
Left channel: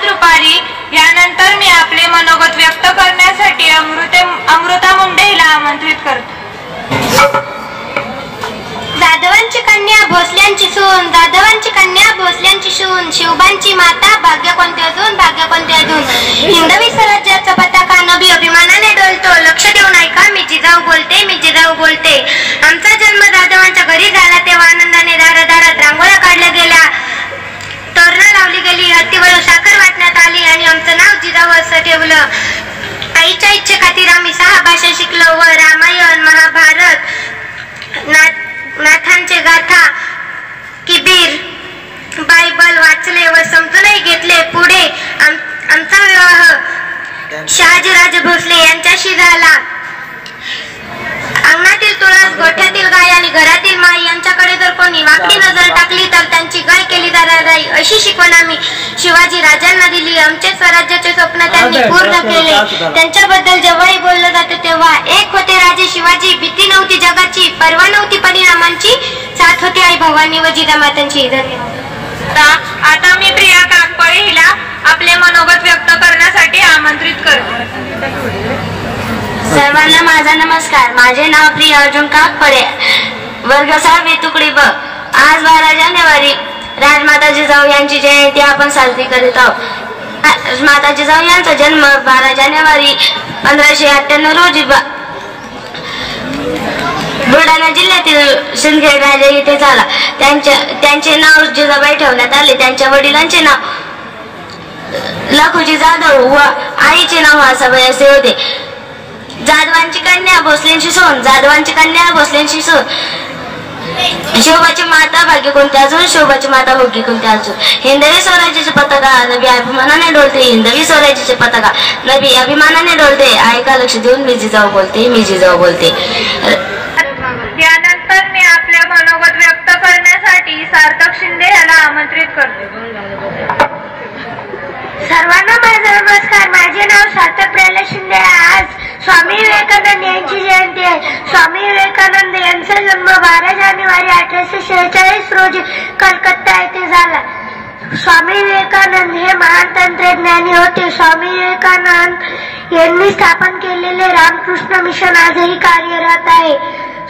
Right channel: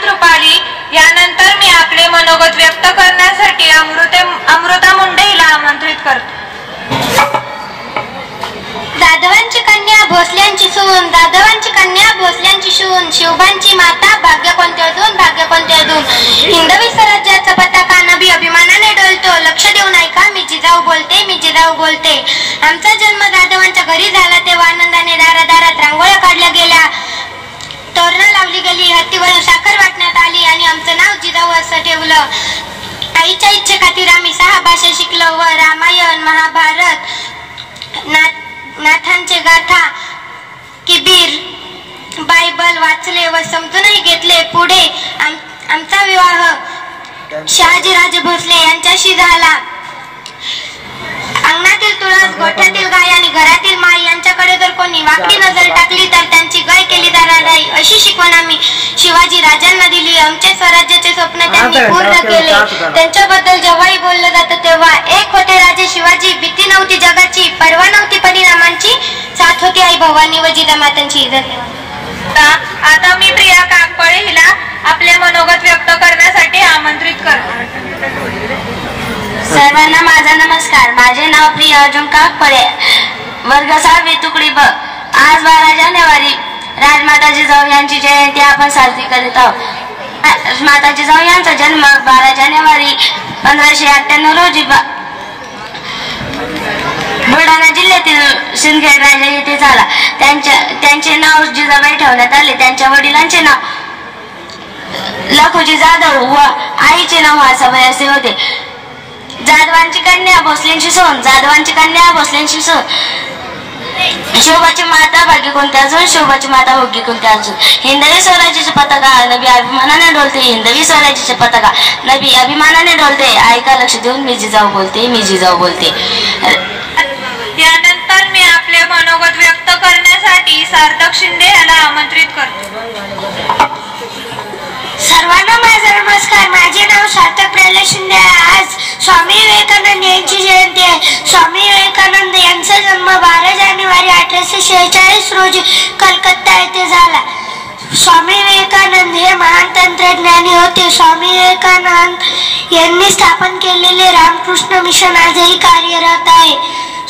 रुपाली. यानंतर मी आपले मनोगत व्यक्त करण्यासाठी अमृता मुंडे हिला आमंत्रित करतो. जाधवांची कन्या भोसल्यांची सून, शिवबांची माता, भाग्य कोणते अजून. हिंदवी स्वराज्याचा पताका नभी अभिमानाने डोलतो. लक्ष देऊन ऐका, मी जिजाऊ बोलते. आमचा जन्म जाधवांच्या घरी झाला, तेव्हा आनंदाने दारादारात रांगोळ्या काढल्या गेल्या, तोरणं लावली गेली, हत्तीवर साखर वाटण्यात आली आणि आमचं नाव जिजाऊ असं ठेवलं. आईच्या इच्छेखातीर आम्ही 6 भाषा शिकलो व रामायण, महाभारत, नाथांचे गाथा, किबीर, बायबल वाचले व समजूनही घेतले. पुढे आमचा विवाह शहाजीराजे भोसले यांच्याशी झाला. अंगणातील तुळस, गोठ्यातील गाय आणि घरातील माई यांच्याकडे जर कोणी वाकडी नजर टाकली तर त्यांची गाय केली जाणार नाही, अशी शिकवण आम्ही शिवाजी राजांना दिली. आमचे स्वराज्याचे स्वप्न त्यांनी पूर्ण केले. त्यांच्याबद्दल जेव्हाही बोललं जातं तेव्हा एक होते राजे शिवाजी. भीती नव्हती जगाची, पर्वा नव्हती परिणामांची, साथ होती आई भवानी व जिजामातांची. आता मी प्रिया काकपळे हिला आपले मनोगत व्यक्त करण्यासाठी आमंत्रित करते. सर्वांना माझा नमस्कार. माझे नाव प्रिया अर्जुन काकपळे, वर्ग 6वी तुकडी ब. आज 12 जानेवारी राजमाता जिजाऊ यांची जयंती आपण साजरी करीत आहोत. माता जिजाऊ यांचा जन्म 12 जानेवारी 1598 रोजी बुलढाणा जिल्ह्यातील सिंदखेड राजा येथे झाला. त्यांचे नाव जिजाबाई ठेवण्यात आले. त्यांच्या वडिलांचे नाव लखुजी जाधव व आईचे नाव मासाबाई असे होते. जाधवांची कन्या भोसलेंची सून, शिवबाची माता भाग्य कोणते अजून, शिवबाची माता भोगी कोणते अजून. हिंदवी स्वराज्याचे पताका नभी अभिमानाने डोलते. ऐका लक्ष देऊन, मी जिजाऊ बोलते. यानंतर मी आपल्या मनोगत व्यक्त करण्यासाठी सार्थक शिंदे याला आमंत्रित करतो. सर्वांना माझा नमस्कार. माझे नाव सार्थक प्रल्हाद शिंदे आहे. आज स्वामी विवेकानंद यांची जयंती आहे. स्वामी विवेकानंद यांचा जन्म 12 जानेवारी 1846 रोजी कलकत्ता येथे झाला. स्वामी विवेकानंद हे महान तंत्रज्ञानी होते. स्वामी विवेकानंद यांनी स्थापन केलेले रामकृष्ण मिशन आजही कार्यरत आहे.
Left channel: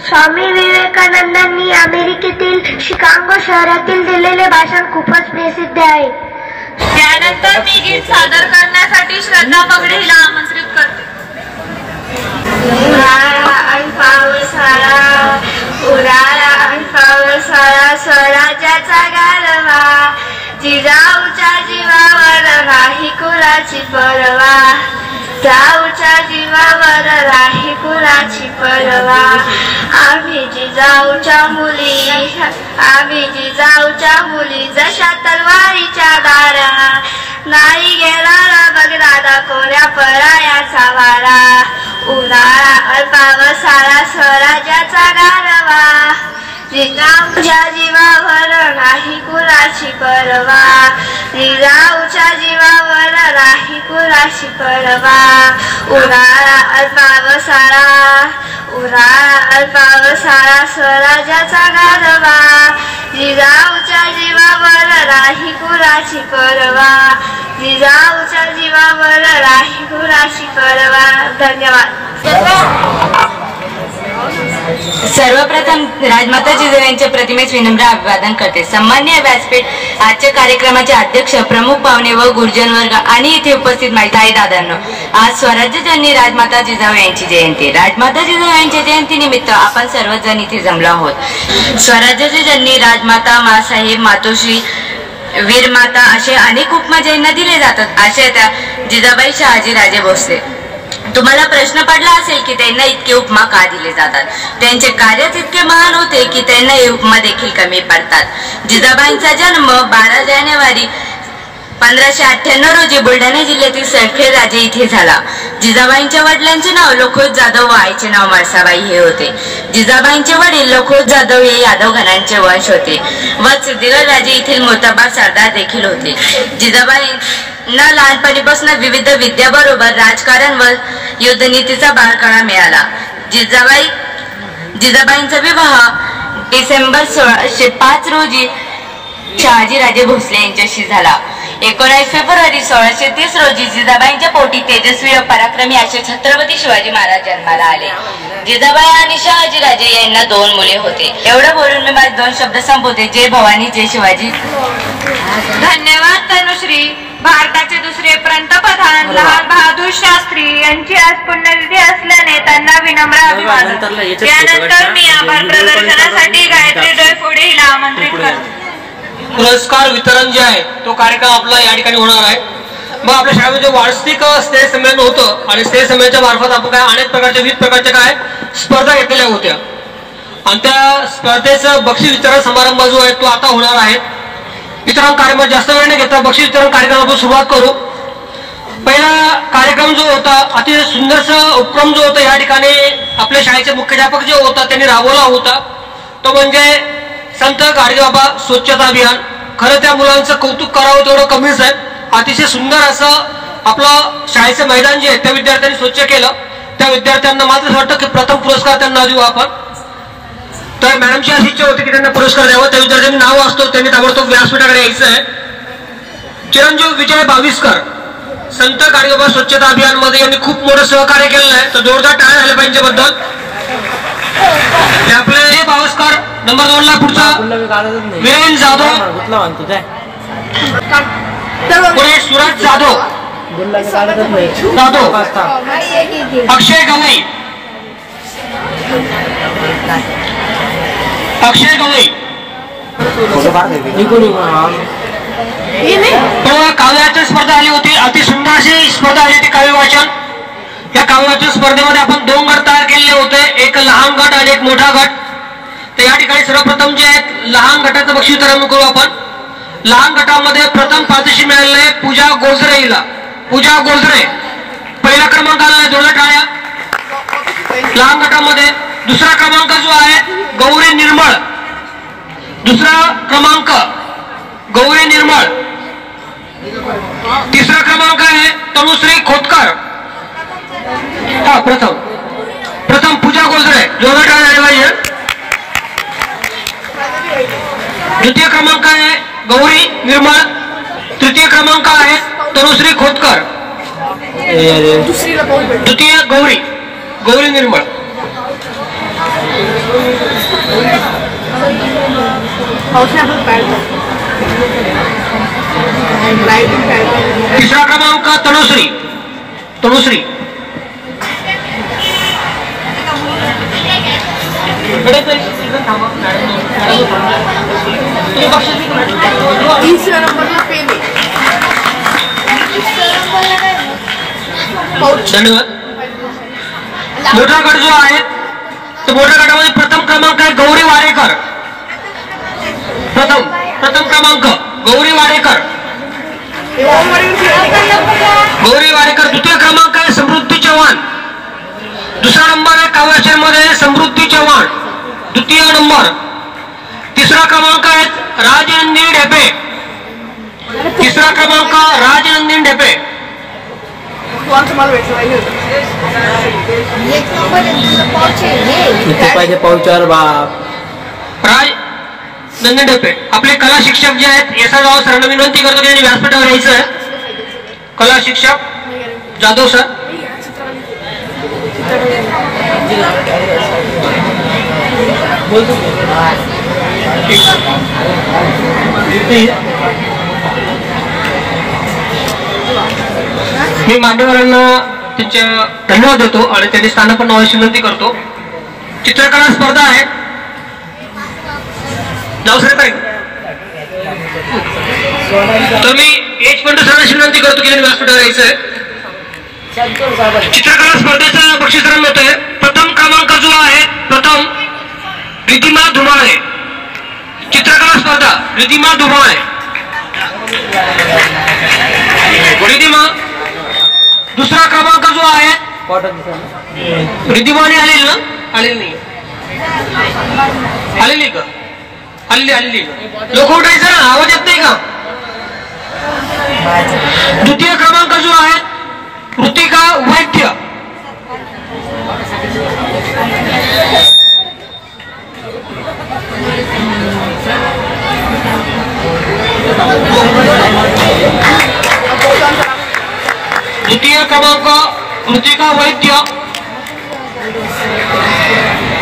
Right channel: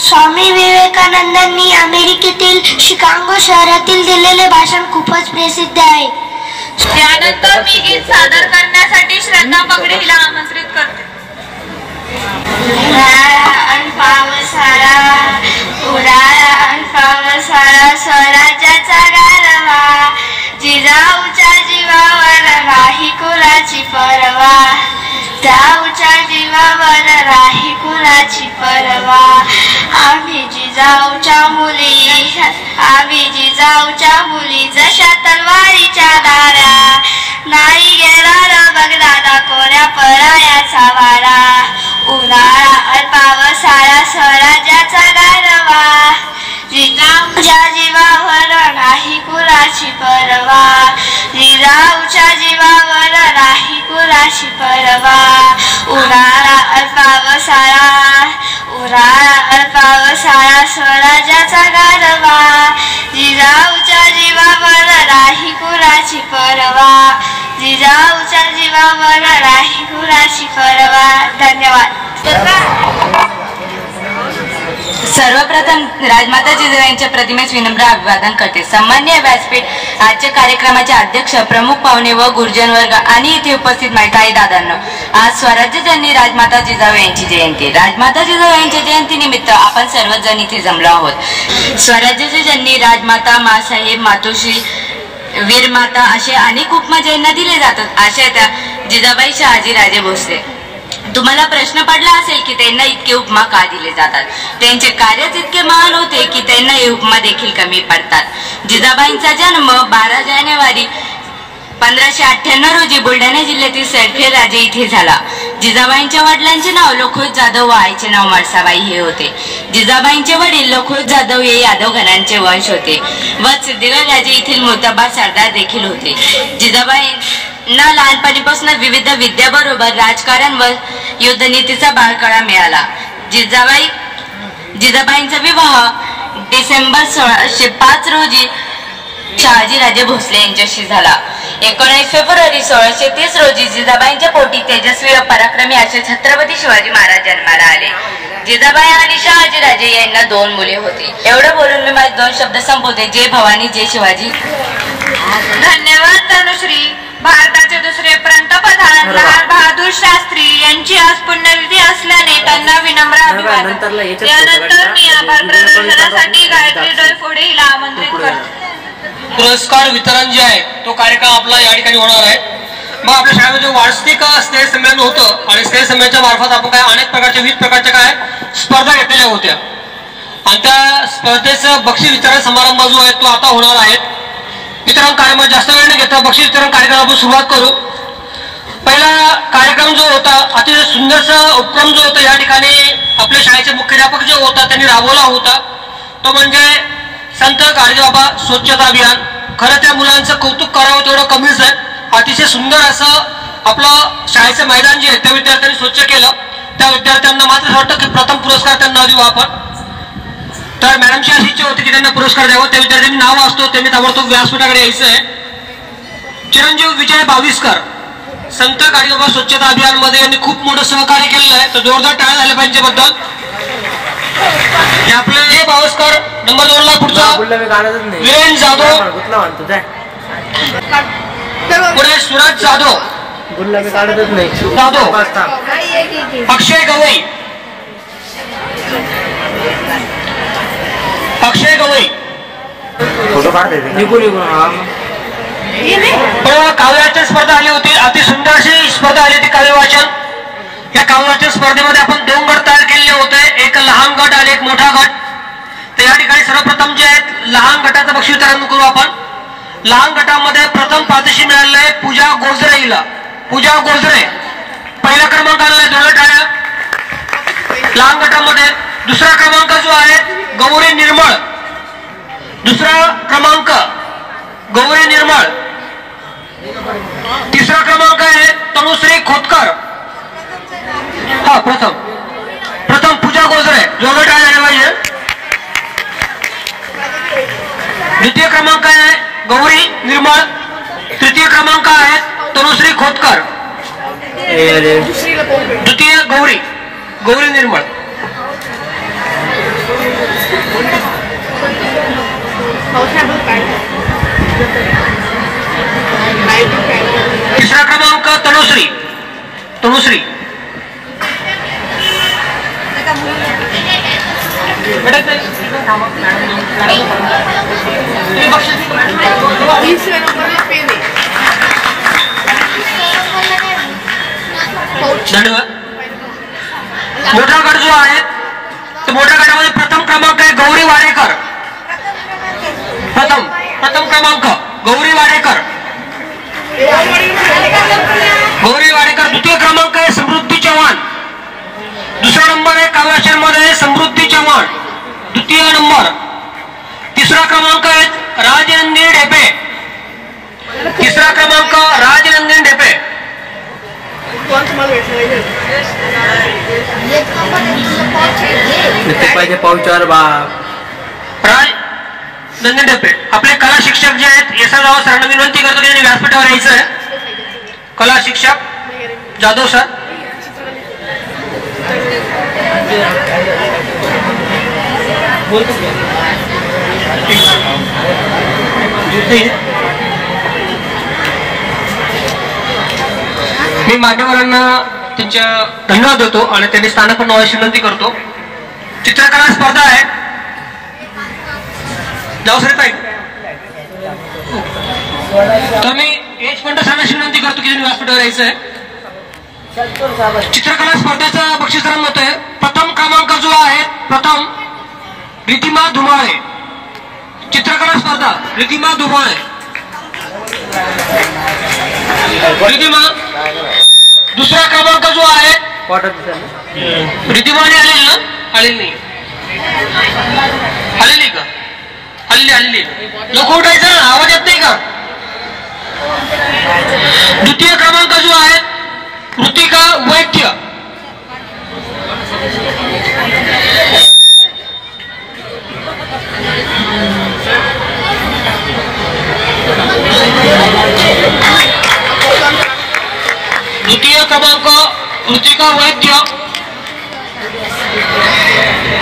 स्वामी विवेकानंदांनी अमेरिकेतील शिकागो शहरातील दिलेले भाषण खूपच प्रसिद्ध आहे. त्यानंतर मी गीत सादर करण्यासाठी श्रद्धा पगडे हिला आमंत्रित करते. स्वराज्याचा गारवा जिजाऊच्या जीवावर राही कुलाची परवा. जाऊच्या जीवावर राही कुलाची परवा. आम्ही जिजाऊच्या मुली जशा तलवारीच्या दारा. नाही गेला र बगदादा कोऱ्या परायाचा वारा. उन्हाळा अल्पावसाळा स्वराज्याचा गारवा. जिजाऊच्या जीवावर नाही कुलाची परवा. जिजाऊच्या जीवावर नाही कुलाची परवा. उन्हाळा अल्पावसाळा स्वराज्याचा गारवा. जिजाऊच्या जीवावर नाही कुलाची परवा. जिजाऊच्या जीवावर नाही कुलाची परवा. धन्यवाद. सर्वप्रथम राजमाता जिजाऊ यांच्या प्रतिमेस विनम्र अभिवादन करते. सन्माननीय व्यासपीठ, आजच्या कार्यक्रमाचे अध्यक्ष, प्रमुख पाहुणे व गुरुजन वर्ग आणि इथे उपस्थित माताई दादांनो, आज स्वराज्य जननी राजमाता जिजाऊ यांची जयंती. राजमाता जिजाऊ यांच्या जयंती निमित्त आपण सर्वजण इथे जमलो आहोत. स्वराज्याची जननी राजमाता, मासाहेब, मातोश्री, वीरमाता असे अनेक उपमा ज्यांना दिले जातात अशा त्या जिजाबाई शहाजी राजे भोसले. तुम्हाला प्रश्न पडला असेल की त्यांना इतके उपमा का दिले जातात. त्यांचे कार्यच इतके महान होते की त्यांना हे उपमा देखील कमी पडतात. जिजाबाईंचा जन्म 12 जानेवारी 1598 रोजी बुलढाणा जिल्ह्यातील सरखेड राजे इथे झाला. जिजाबाईंच्या वडिलांचे नाव लखोत जाधव व आईचे नाव म्हाळसाबाई हे होते. जिजाबाईंचे वडील लखोत जाधव हे यादव घरांचे वंश होते व सिद्धिगड राजे येथील मोताबा सरदार देखील होते. जिजाबाईंना लहानपणीपासून विविध विद्याबरोबर राजकारण व युद्धनीतीचा बाळकडा मिळाला. जिजाबाईंचा विवाह डिसेंबर 1605 रोजी शहाजी राजे भोसले यांच्याशी झाला. 19 फेब्रुवारी 1630 रोजी जिजाबाईंच्या पोटी तेजस्वी व पराक्रमी असे छत्रपती शिवाजी महाराज जन्माला आले. जिजाबाई आणि शहाजी राजे यांना 2 मुले होते. एवढं बोलून मी माझे 2 शब्द संपवते. जय भवानी, जय शिवाजी. धन्यवाद तनुश्री. भारताचे दुसरे पंतप्रधान लाल बहादूर शास्त्री यांची आज पुण्यतिथी असल्याने त्यांना विनम्र अभिवादन. त्यानंतर मी आभार प्रदर्शनासाठी गायत्री डोईफोडे हिला आमंत्रित करते. पुरस्कार वितरण जे आहे तो कार्यक्रम आपला या ठिकाणी होणार आहे. मग आपल्या शाळेमध्ये वार्षिक स्नेह संमेलन होतं आणि स्नेह संमेलनाच्या मार्फत आपण काय अनेक प्रकारच्या विविध प्रकारच्या काय स्पर्धा घेतलेल्या होत्या आणि त्या स्पर्धेचं बक्षीस वितरण समारंभ जो आहे तो आता होणार आहे. वितरण कार्यक्रम जास्त वेळ न घेता बक्षीस वितरण कार्यक्रमापासून सुरुवात करू. पहिला कार्यक्रम जो होता अतिशय सुंदरसा उपक्रम जो होता या ठिकाणी आपल्या शाळेचे मुख्याध्यापक जो होता त्यांनी राबवला होता तो म्हणजे संत गाडगेबाबा स्वच्छता अभियान. खरं त्या मुलांचं कौतुक करावं तेवढं कमीच आहे. अतिशय सुंदर असं आपलं शाळेचं मैदान जे आहे त्या विद्यार्थ्यांनी स्वच्छ केलं. त्या विद्यार्थ्यांना मात्र असं वाटतं की प्रथम पुरस्कार त्यांना देऊ आपण. तर मॅडमची अशी इच्छा होती की त्यांना पुरस्कार द्यावं. त्या विद्यार्थ्यांनी नाव असतो त्यांनी ताबडतोब व्यासपीठाकडे यायचं आहे. चिरंजीव विजय बाविस्कर संत गाडगेबाबा स्वच्छता अभियान मध्ये यांनी खूप मोठं सहकार्य केलेलं आहे. तर जोरदार टाळ्या झाल्या पाहिजे बद्दल. आपले बावस्कर नंबर 2 ला पुढचा वीरेन जाधव, पुढे सूरज जाधव, अक्षय गवई, काव्यवाचन स्पर्धा आली होती. अति सुंदर अशी स्पर्धा आली होती काव्य वाचन. या काव्यवाचन स्पर्धेमध्ये आपण 2 गट तयार केलेले होते, एक लहान गट आणि एक मोठा गट. तर या ठिकाणी सर्वप्रथम जे आहेत लहान गटाचं बक्षीस वितरण करू आपण. लहान गटामध्ये प्रथम पारितोषिक मिळालेलं आहे पूजा गोजरे हिला. पूजा गोजरे पहिला क्रमांक आलेला, जोरदार टाळ्या. लहान गटामध्ये दुसरा क्रमांक जो आहे गौरी निर्मळ, दुसरा क्रमांक गौरी निर्मळ. तिसरा क्रमांक आहे तनुश्री खोतकर. हा प्रथम पूजा गोजरे, जोरदार टाळ्या झाल्या पाहिजे. द्वितीय क्रमांक आहे गौरी निर्मळ. तृतीय क्रमांक आहेत तनुश्री खोतकर. द्वितीय गौरी निर्मळ. तिसरा क्रमांक तनुश्री. धन्यवाद. मोठा गट जो आहे तो मोठ्या गटामध्ये प्रथम क्रमांक आहे गौरी वाडेकर. प्रथम क्रमांक गौरी वाडेकर. द्वितीय क्रमांक आहे समृद्धी चव्हाण. दुसरा नंबर आहे काव्यामध्ये समृद्धी चव्हाण, द्वितीय नंबर. तिसरा क्रमांक आहे राजनंदिनी ढेपे. तिसरा क्रमांक राजनंदिनी ढेपे. राजनंदिनी ढेपे. आपले कला शिक्षक जे आहेत एस.आर. राव सरांना विनंती करतो की व्यासपीठावर यायचं आहे. कला शिक्षक जाधव सर. मी मान्यवरांना त्यांच्या धन्यवाद देतो आणि त्यांनी स्थानापन्न व्हायची विनंती करतो. चित्रकला स्पर्धा आहे. नाव सांगताय तर मी एज पण सांगण्याची विनंती करतो की व्यासपीठावर यायचं आहे. चित्रकला स्पर्धेचा बक्षीस होत आहे. प्रथम क्रमांक जो आहे रिधिमा धुमाळे. चित्रकला स्पर्धा रिधिमा धुमाळे. दुसरा क्रमांक जो आहे रिधिमाने आलेली का? आलेली लोक उठायचं ना, आवाज येत नाही का? द्वितीय क्रमांक जो आहे ऋतिका वैद्य.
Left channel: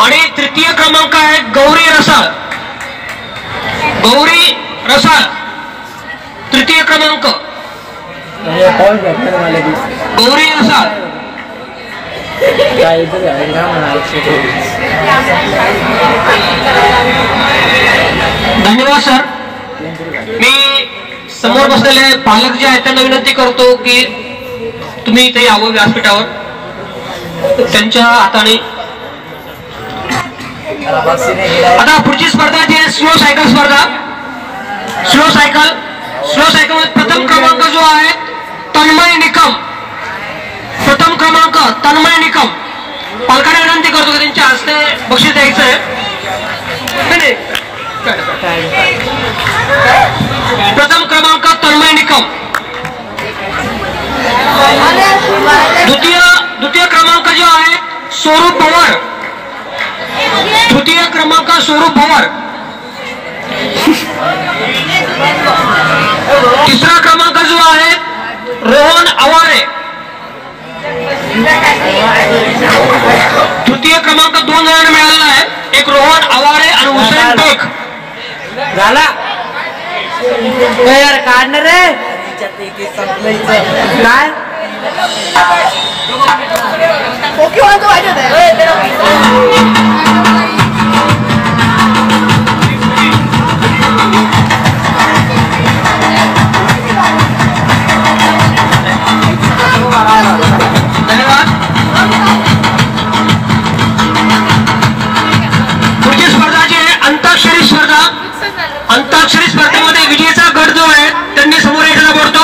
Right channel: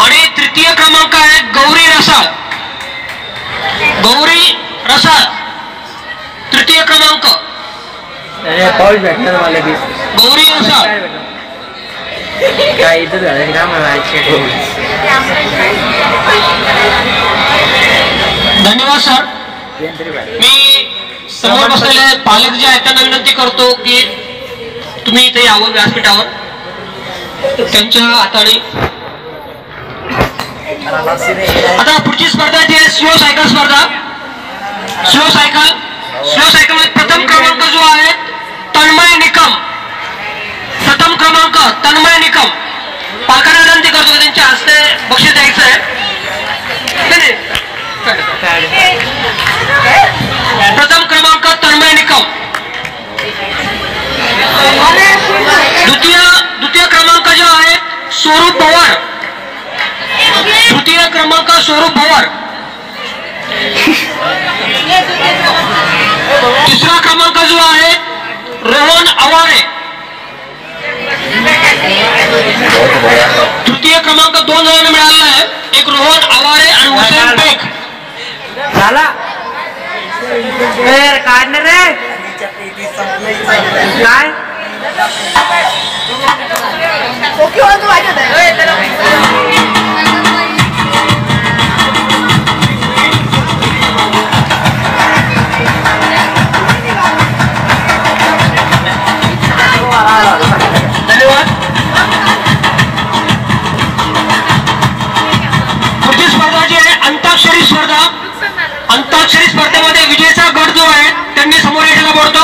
आणि तृतीय क्रमांक आहे गौरी रसाळ. तृतीय क्रमांक गौरी रसाळ. धन्यवाद सर. मी समोर बसलेले पालक जे आहेत त्यांना विनंती करतो की तुम्ही इथे यावं व्यासपीठावर. त्यांच्या हाताने आता पुढची स्पर्धा जी आहे स्लो सायकल स्पर्धा. स्लो सायकल मध्ये प्रथम क्रमांक जो आहे तन्मय निकम. पालकांना विनंती करतो की त्यांच्या हस्ते बक्षीस द्यायचं आहे. प्रथम क्रमांक तन्मय निकम. द्वितीय क्रमांक जो आहे स्वरूप पवार. तृतीय क्रमांक स्वरूप पवार. तिसरा क्रमांक जो आहे रोहन आवारे. तृतीय क्रमांक 2 जणांना मिळालेला आहे. एक रोहन आवारे आणि हुसेन बेग. झाला काढणार रे काय धन्यवाद. पुढची स्पर्धा जी आहे अंताक्षरी स्पर्धा. अंताक्षरी स्पर्धेमध्ये विजेचा गट जो आहे त्यांनी समोर एखादा बोलतो.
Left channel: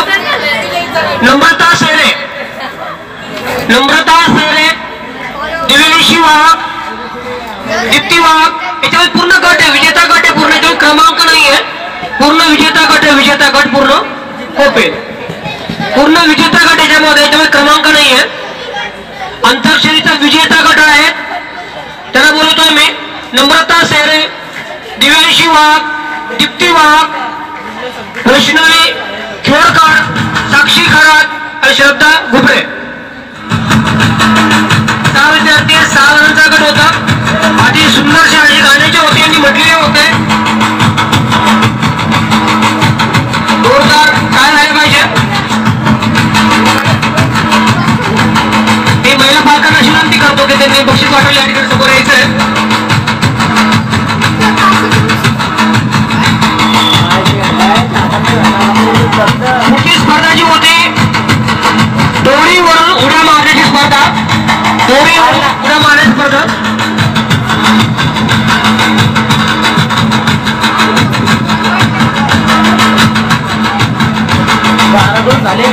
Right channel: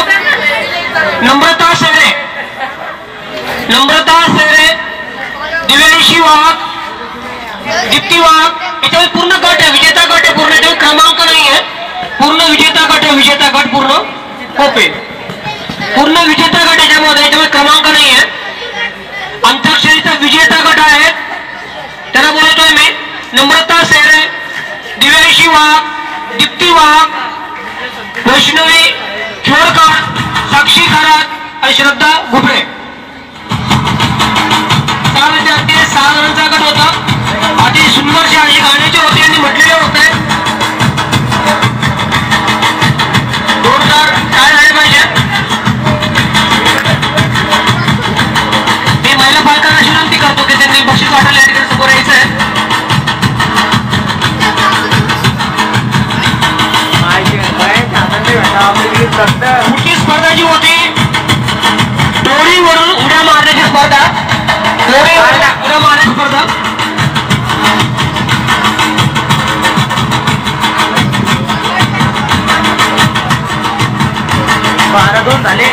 नम्रता सेरे, दिव्यांशी वाघ, दीप्ती वाघ. याच्यावर पूर्ण गट आहे, विजेता गट आहे पूर्ण. याच्यावर क्रमांक नाही आहे, पूर्ण विजेता गट आहे. विजेता गट पूर्ण ओपेन, पूर्ण विजेता गट याच्यामध्ये क्रमांक नाही आहे. अंताक्षरीचा विजेता गट आहे त्याला बोलतोय मी. नम्रता सेरे, दिव्यांशी वाघ, दीप्ती वाघ, वैष्णवी जोडकर, साक्षी खरात आणि श्रद्धा घुबरे. 6 विद्यार्थी 6 जणांचा गट होता. अति सुंदरशी आणि गाण्याची होती यांनी म्हटलेले होते. जोरदार काय झाले पाहिजे. मी महिला पालकांना विनंती करतो की त्यांनी बक्षीस वाटवले या ठिकाणी समोर यायचंय. मोठी स्पर्धा जी होती दोरीवरून उड्या मारण्याची स्पर्धा. उड्या मारण्याची स्पर्धा. बारा 2 झाले.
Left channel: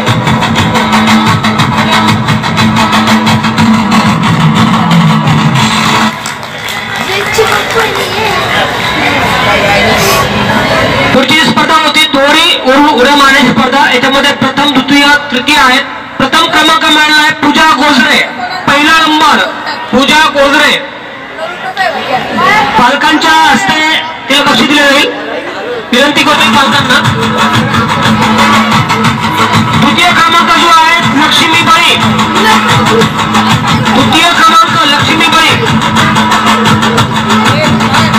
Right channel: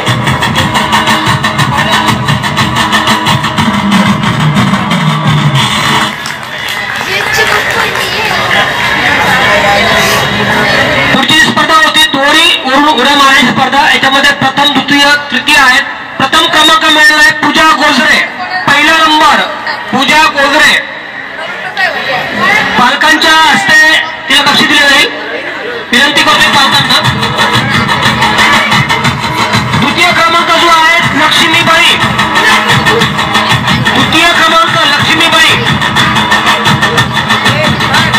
पुढची स्पर्धा होती दोरी वरून उड्या मारण्याची स्पर्धा. याच्यामध्ये प्रथम, द्वितीय, तृतीय आहेत. प्रथम क्रमांक मिळाला आहे पूजा गोजरे. पहिला नंबर पूजा गोजरे. पालकांच्या हस्ते तिला बक्षीस दिले जाईल. विनंती करते पालकांना. द्वितीय क्रमांक जो आहे लक्ष्मीबाई. द्वितीय क्रमांक लक्ष्मीबाई.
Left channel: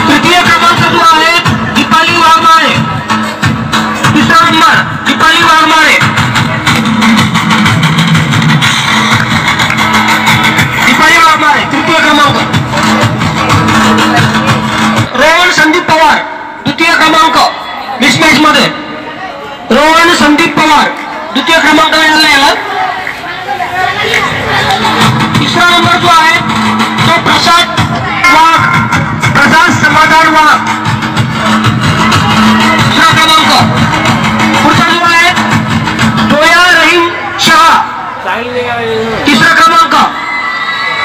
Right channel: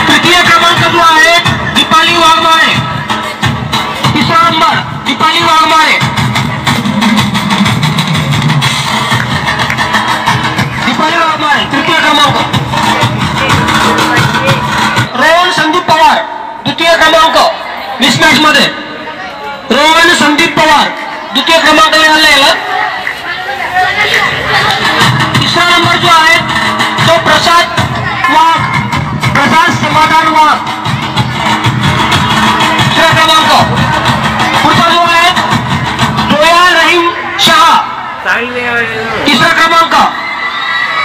तृतीय क्रमांक जो आहे दीपाली वाघमारे. तिसरा नंबर दीपाली वाघमारे. दीपाली वाघमारे तृतीय क्रमांक. रोहन संदीप पवार द्वितीय क्रमांक. मिसमॅच मध्ये रोहन संदीप पवार द्वितीय क्रमांक मिळाला याला. तिसरा नंबर जो आहे तो प्रसाद वाघ. प्रसाद समाधान वाघ दुसरा क्रमांक. पुढचा जो आहे जोया रहीम शहा. तिसरा क्रमांक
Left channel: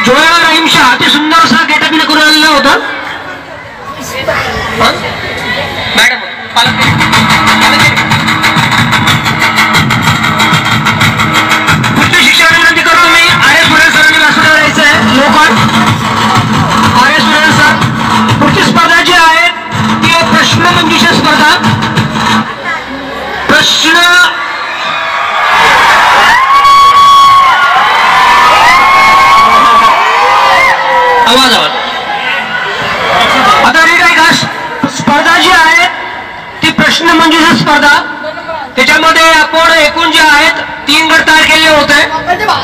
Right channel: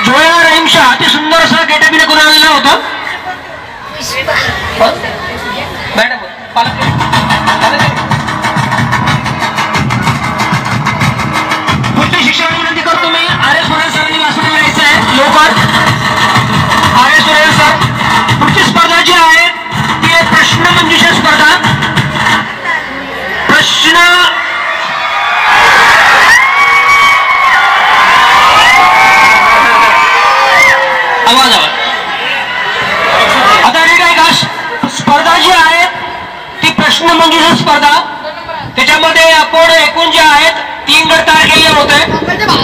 जोया रहीम शहा. अति सुंदर असा गेटअप करून आलेला होता. मॅडम पुढची शिक्षण विनंती करून मी आर.एस. सुरेल सरांनी मास्टर यायचं आहे लवकर. आर.एस. सुरेल सर. पुढची स्पर्धा जी आहे ती आहे प्रश्नमंजुषा स्पर्धा. प्रश्न आवाज आता नीट आहे का. स्पर्धा जी आहे ती प्रश्नमंजुषा स्पर्धा. त्याच्यामध्ये आपण एकूण जे आहेत 3 गट तयार केलेले होते.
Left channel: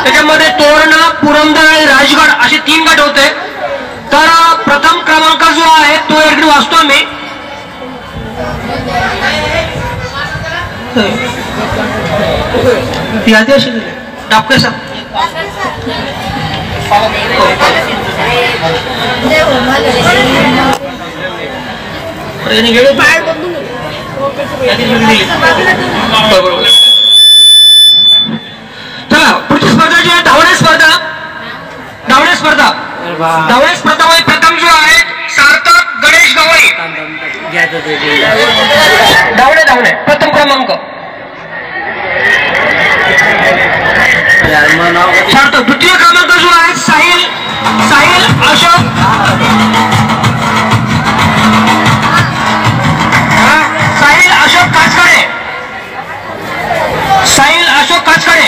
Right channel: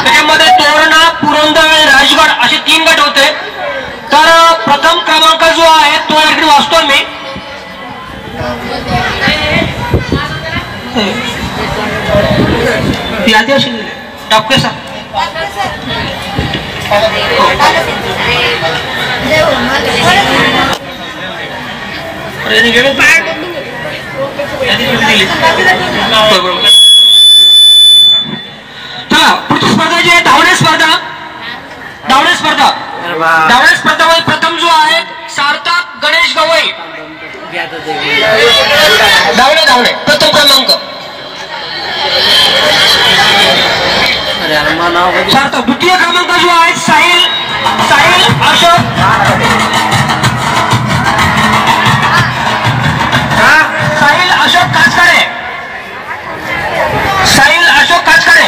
त्याच्यामध्ये तोरणा, पुरंदर, राजगड असे 3 गट होते. तर प्रथम क्रमांक जो आहे तो इकडे वाचतो मी. यादी अशी दिली डॉक्टर साहेब. चला पुढची स्पर्धा जी आहे धावणे स्पर्धा. धावणे स्पर्धा. धावणे स्पर्धामध्ये प्रथम जो आहे सार्थक गणेश गवई. धावणे धावणे प्रथम क्रमांक. सार्थक. द्वितीय क्रमांक जो आहे साहिल अशोक. साहिल अशोक काचकडे. साहिल अशोक काचकडे.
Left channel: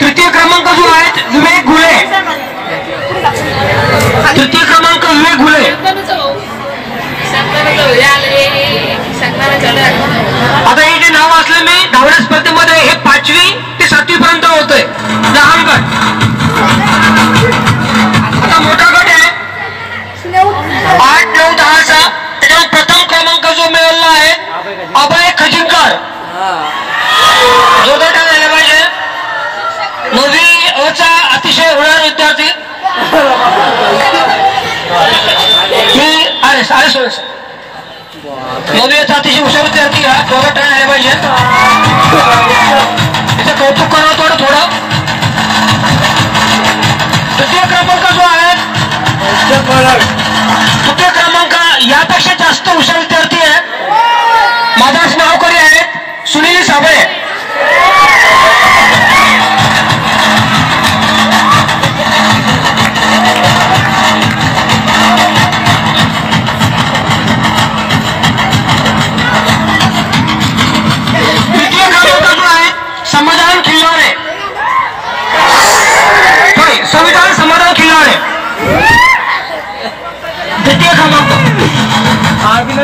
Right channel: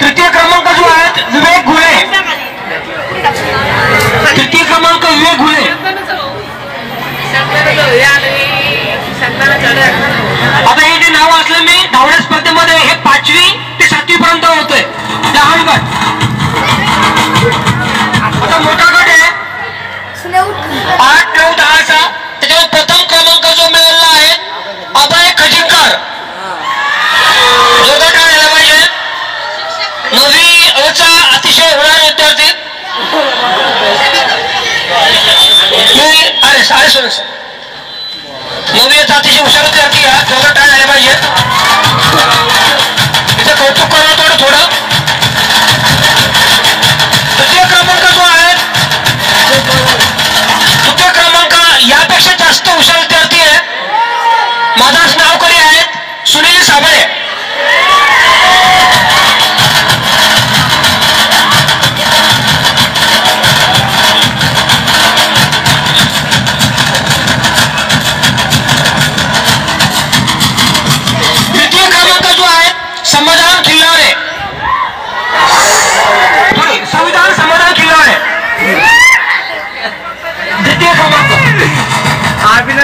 तृतीय क्रमांक जो आहे विवेक घुले. तृतीय क्रमांक विवेक घुले. आता हे जे नाव असले मी धावण्या स्पर्धेमध्ये हे 5वी ते 7वी पर्यंत होते. लहान गट. आता मोठा गट आहे 8, 9, 10चा. त्याच्यावर प्रथम क्रमांक जो मिळाला आहे अभय खजिनकर. जोरदार काय झाला पाहिजे. 9वी चा अतिशय होणार विद्यार्थी. नववीचा अतिशय हुशार विद्यार्थी आहे. जोरात काय झाला पाहिजे. तिचं कौतुक करा थोडं. तृतीय क्रमांक जो आहे तृतीय क्रमांक यापेक्षा जास्त हुशार विद्यार्थी आहे. माझं नाव कधी आहेत सुनील साबळे.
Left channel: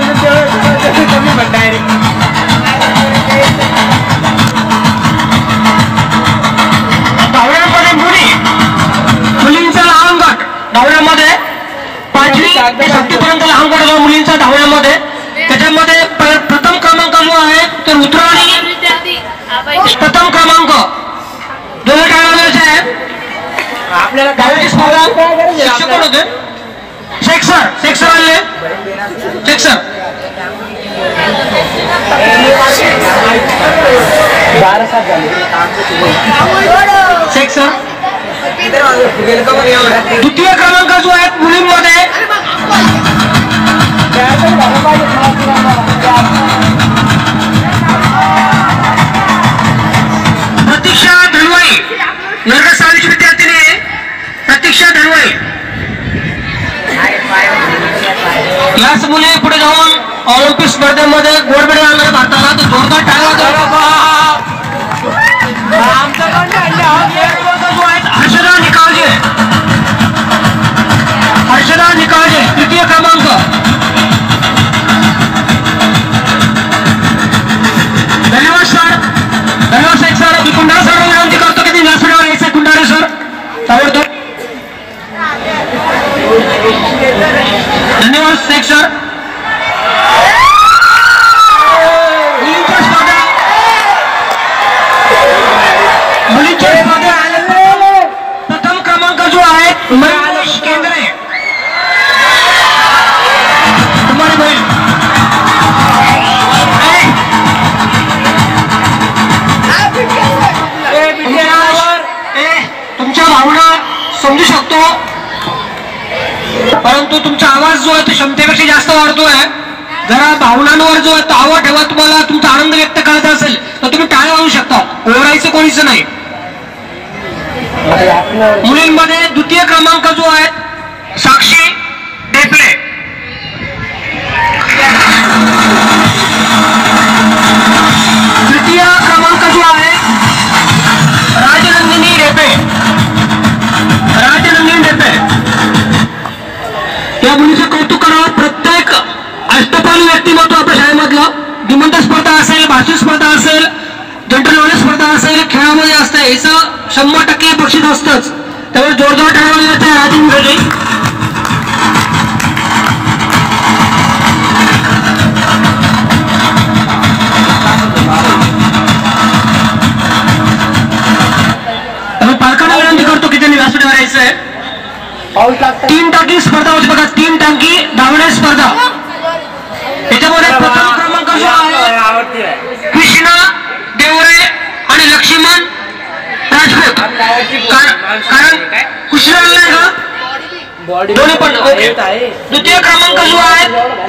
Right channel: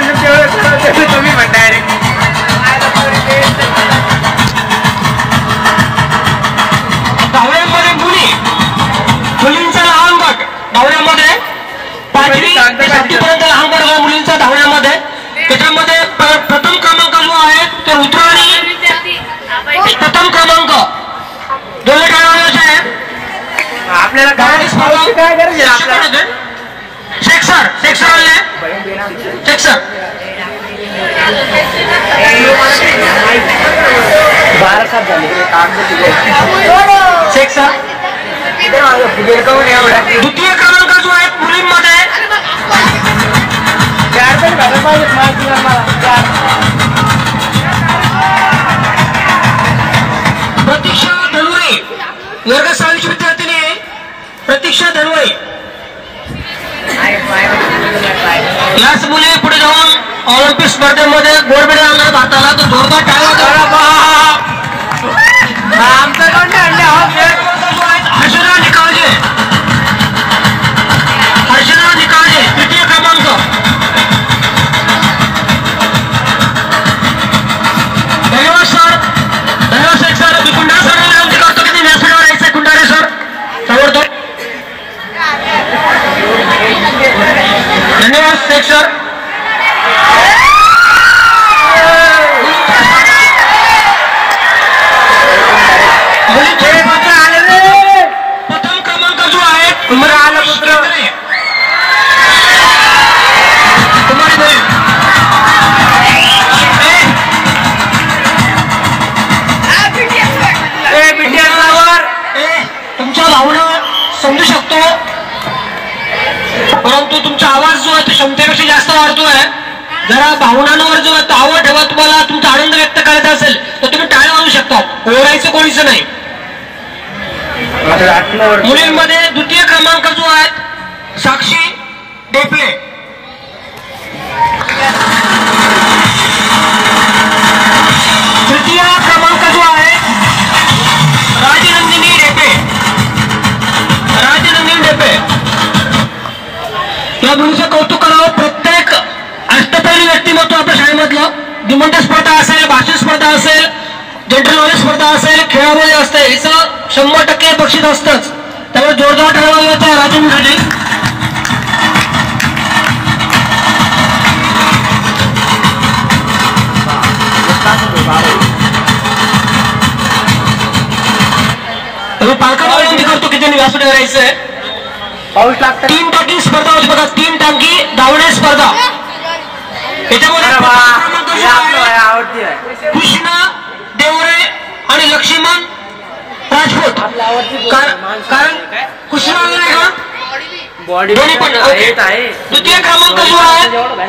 तेवढं कमी म्हण डायरेक्ट. धावण्यामध्ये मुलींचा लहान गट धावण्यामध्ये 5वी ते 7वीपर्यंत लहान गट मुलींचा धावण्यामध्ये त्याच्यामध्ये प्रथम क्रमांक जो आहे तो रुद्राणी प्रथम क्रमांक दोन खेळाडूचे आहे. आपल्याला काय गरज आहे आपल्याला. शेख सर आले. शेख सर 12-7 झाले. शेख सर द्वितीय क्रमांक जो आहे मुलींमध्ये 4 पण घालायला पाहिजेत मला. प्रतीक्षा धनवाई वर्ग 6वी विद्यार्थिनी प्रतीक्षा धनवाई. याच मुले पुढे जाऊन ऑलिम्पिक स्पर्धेमध्ये गोल्ड मेडल आणलं भारताला. तो जोरदार टाळा. आमच्याकडे आणले हर्षदा निकाळजे तृतीय क्रमांक. धन्यवाद सर. धन्यवाद शेख सर. मी कुंडारे सर विनंती करतो की व्यासपीठावर यायचे. कुंडारे सर ताबडतोब. धन्यवाद शेख सर. प्रथम क्रमांक जो आहे आलं पुत्र तुमच्या भावना समजू शकतो, परंतु तुमचा आवाज जो आहे तो क्षमतेपेक्षा जास्त वाढतोय. जरा भावनांवर जो आहे तावा ठेवा. तुम्हाला तुमचा आनंद व्यक्त करायचा असेल तर तुम्ही टाळ्या वाजवू शकता. ओरडायचं कोणीच नाही. मुलींमध्ये द्वितीय क्रमांक जो आहे साक्षी डेपले. तृतीय क्रमांक जो आहे राजनंदिनी डेपे. या मुलीचं कौतुक करावं. प्रत्येक अष्टपैलू व्यक्तिमत्व आपल्या शाळेमधलं निबंध स्पर्धा असेल, भाषण स्पर्धा असेल, जनरल नॉलेज स्पर्धा असेल, खेळामध्ये असते, याचं 100% बक्षीस असतंच. त्यामुळे जोरदार टाळ्या येत आहे राजेंद्रजी. त्यामुळे पालकांना विनंती करतो की त्यांनी व्यासपीठावर यायचंय. पाऊस लागतो. 3 टाकी स्पर्धा होती बघा. 3 टाकी धावणे स्पर्धा. याच्यामध्ये आवडती आहे कृष्णा देवरे आणि लक्ष्मण राजपूत. कारण कृष्णा नाही का बॉडी दोन्ही पण आहे. द्वितीय क्रमांक जो आहे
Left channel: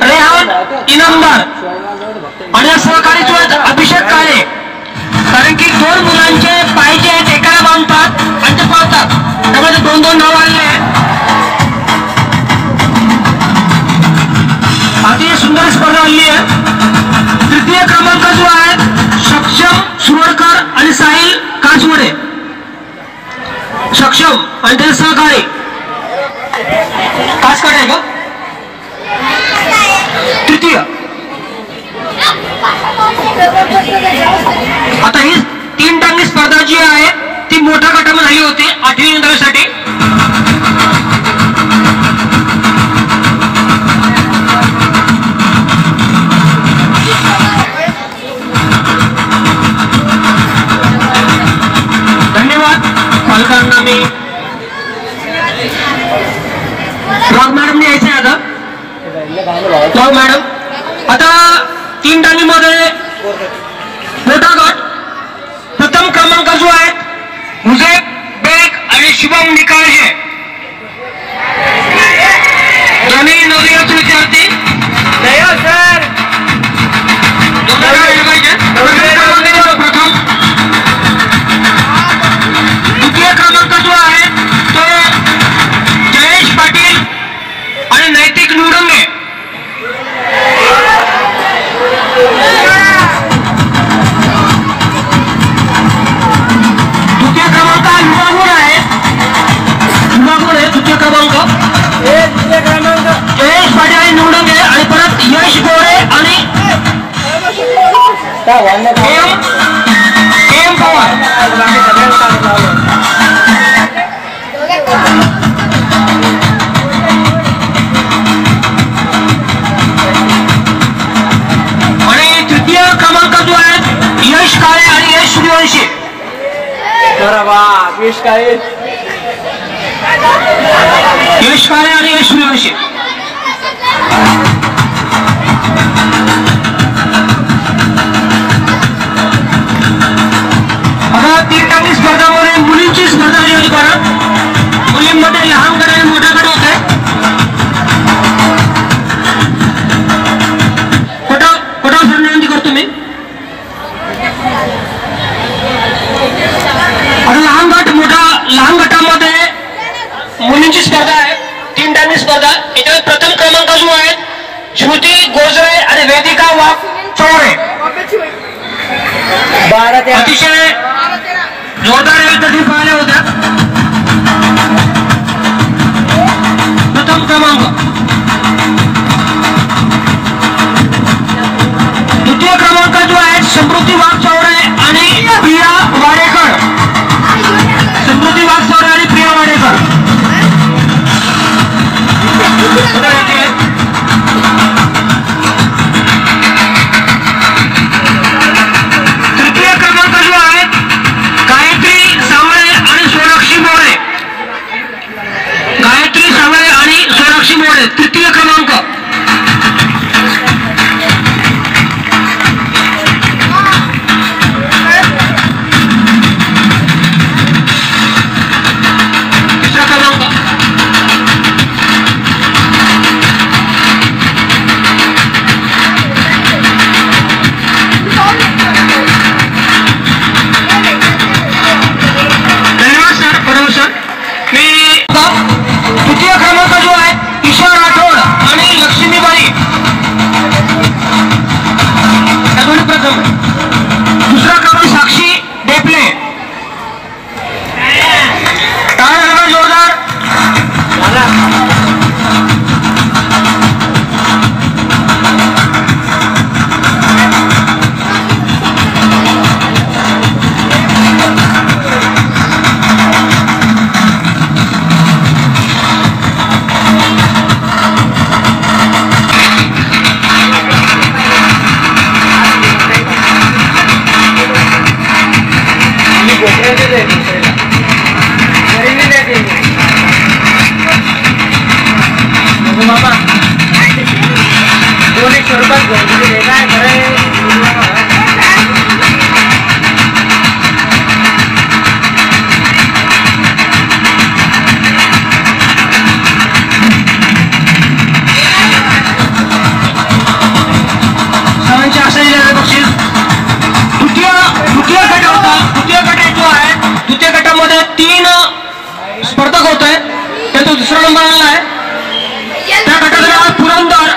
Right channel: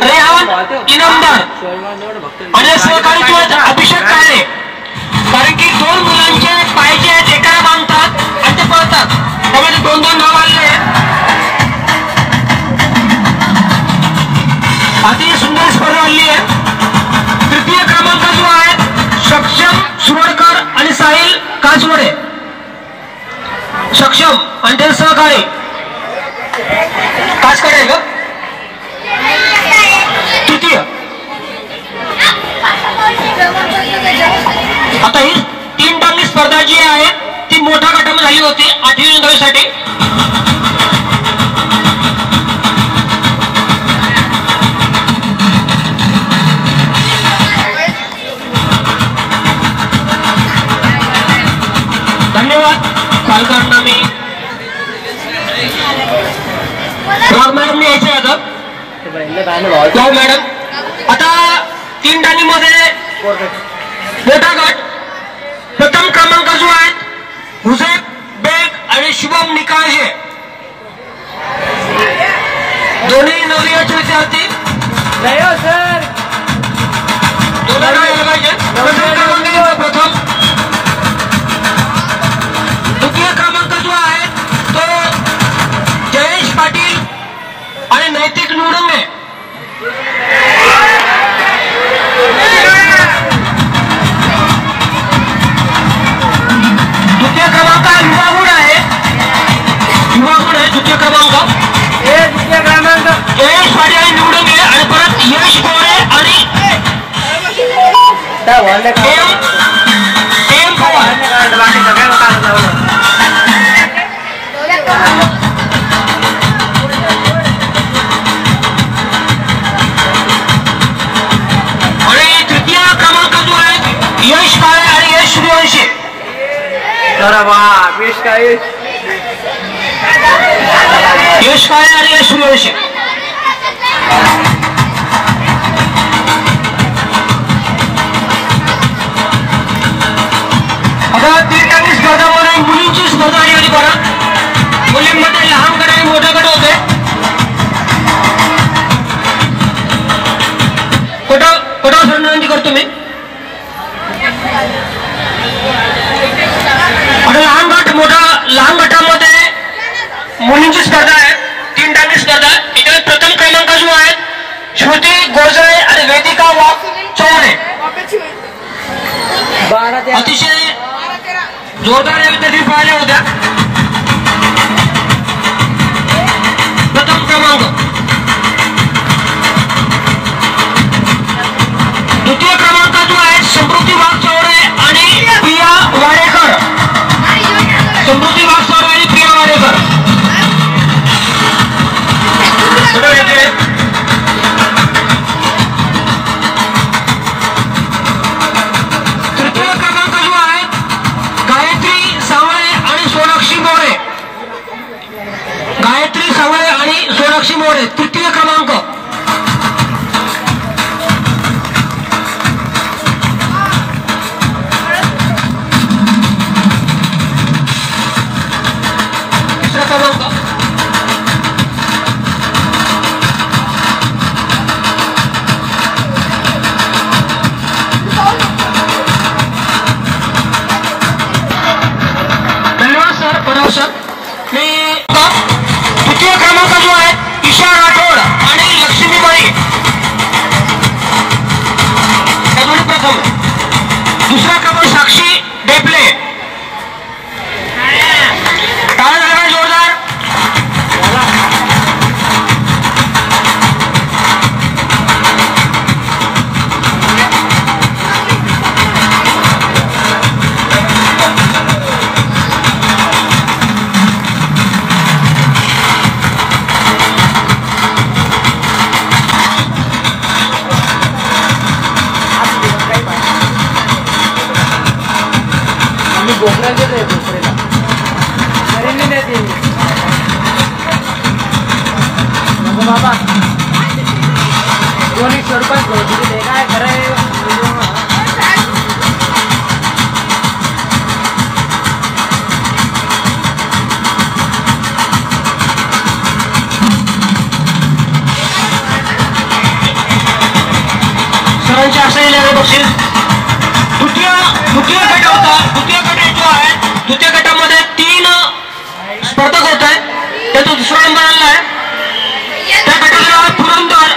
रेहान इनामदार आणि सहकारी जो आहे अभिषेक काळे. कारण की 2 मुलांचे पाय जे आहेत एकाला बांधतात आणि ते पळतात, त्यामुळे 2-2 नाव आलेले आहेत. अतिशय सुंदर स्पर्धा आली आहे. तृतीय क्रमांक जो आहे सक्षम सुरडकर आणि साहिल काचवडे. सक्षम आणि ते सहकारी काचकडे आहे का तृतीय. आता ही 3 टांगी स्पर्धा जी आहे ती मोठ्या गटामध्ये झाली होती 8वी नोंदणीसाठी. धन्यवाद पालकांना. मी राव मॅडमने यायचे आता. राव मॅडम आता 3 टांगीमध्ये मोठा गट प्रथम क्रमांक जो आहे हुजेब बेग आणि शुभम निकाळजे दोन्ही नवनिर्वाचित विद्यार्थी. नाही हो सर. प्रथम. द्वितीय क्रमांक जो आहे तो जयेश पाटील आणि नैतिक निवडंगे. तृतीय क्रमांक युवा गुण आहे बाकी सगळ्यांना कागद लावलं. आणि तृतीय क्रमांक जो आहे यश काळे आणि यश सूर्यवंशी. बरं बा यश काळे आणि यश सूर्यवंशी. आता 3 टाकी स्पर्धामध्ये मुलींची स्पर्धा आली परत. मुलींमध्ये लहान गट आणि मोठा गट होते. फटाफट विनंती करतो मी. लहान गटामध्ये मुलींची स्पर्धा आहे. 3 टाकी स्पर्धा. याच्यात प्रथम क्रमांक जो आहे श्रुती गोजळे आणि वेदिका वाघ चौरे. अतिशय जोरदार विद्यार्थी पाहिल्या होत्या. प्रथम क्रमांक. द्वितीय क्रमांक जो आहे समृद्धी वाघ चौरे आणि प्रिया वाडेकर. समृद्धी वाघ चौरे आणि प्रिया वाडेकर. तृतीय क्रमांक जो आहे गायत्री सावळे आणि सोनाक्षी मोरे. गायत्री सावळे आणि सोनाक्षी मोरे तृतीय क्रमांक. तिसरा क्रमांक. धन्यवाद सर. प्रणाम सर. मी तृतीय क्रमांक जो आहे ईशा राठोड आणि लक्ष्मीबाई या दोन्ही प्रथम. दुसरा क्रमांक साक्षी डेपले. टाळ्या जोरदार. बोकऱ्यांचेच आहे दुसऱ्याला गरीबी नाही ती. नको बाबा 200 रुपयात घेऊन दिले काय खरं. सरांचे असलेले बक्षीस. द्वितीय गट होता. द्वितीय गट जो आहे द्वितीय गटामध्ये 3 स्पर्धक होते. त्याचा दुसरा नंबर आलेला आहे. त्या गटाला पुरंदर.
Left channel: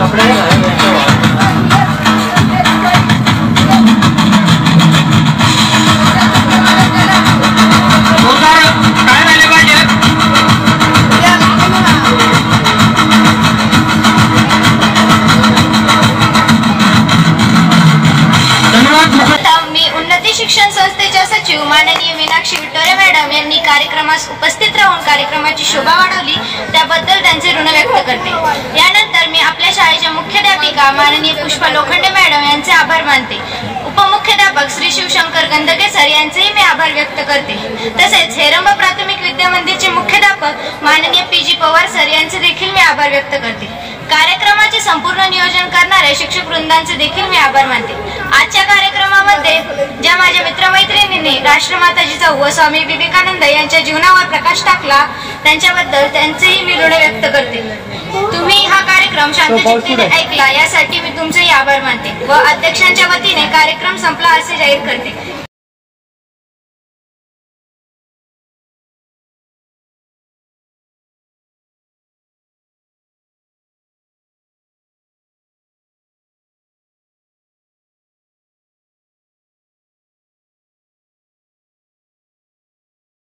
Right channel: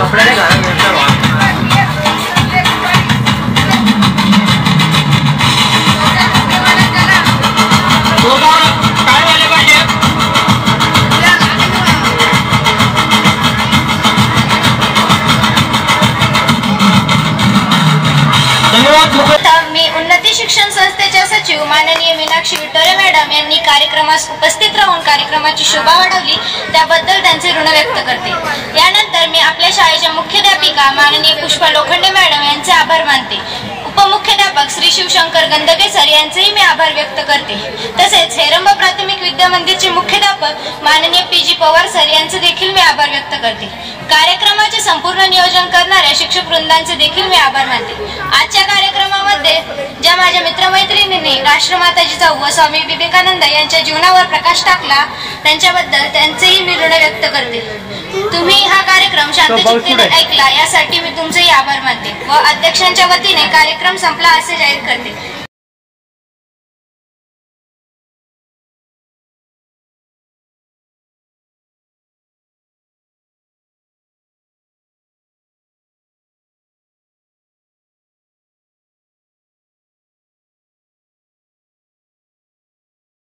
कपडे घालून याचा वाट काय झाले पाहिजे. धन्यवाद. मी उन्नती शिक्षण संस्थेच्या सचिव माननीय मीनाक्षी विटोरे मॅडम यांनी कार्यक्रमास उपस्थित राहून कार्यक्रमाची शोभा वाढवली त्याबद्दल त्यांचे ऋण व्यक्त करते. यानंतर मी आपल्या शाळेच्या मुख्याध्यापिका शिक्षिका माननीय पुष्पा लोखंडे मॅडम यांचे आभार मानते. उपमुख्याध्यापक श्री शिवशंकर गंधके सर यांचेही मी आभार व्यक्त करते. तसेच हेरंब प्राथमिक विद्या मंदिरचे मुख्याध्यापक माननीय PG पवार सर यांचे देखील मी आभार व्यक्त करते. कार्यक्रमाचे संपूर्ण नियोजन करणाऱ्या शिक्षक वृंदांचे देखील मी आभार मानते. आजच्या कार्यक्रमामध्ये ज्या माझ्या मित्रमैत्रिणींनी राष्ट्रमाता जिजाऊ व स्वामी विवेकानंद यांच्या जीवनावर प्रकाश टाकला त्यांच्याबद्दल त्यांचेही मी ऋण व्यक्त करते. तुम्ही हा कार्यक्रम शांतचित्ताने ऐकला यासाठी मी तुमचेही आभार मानते व अध्यक्षांच्या वतीने कार्यक्रम संपला असे जाहीर करते.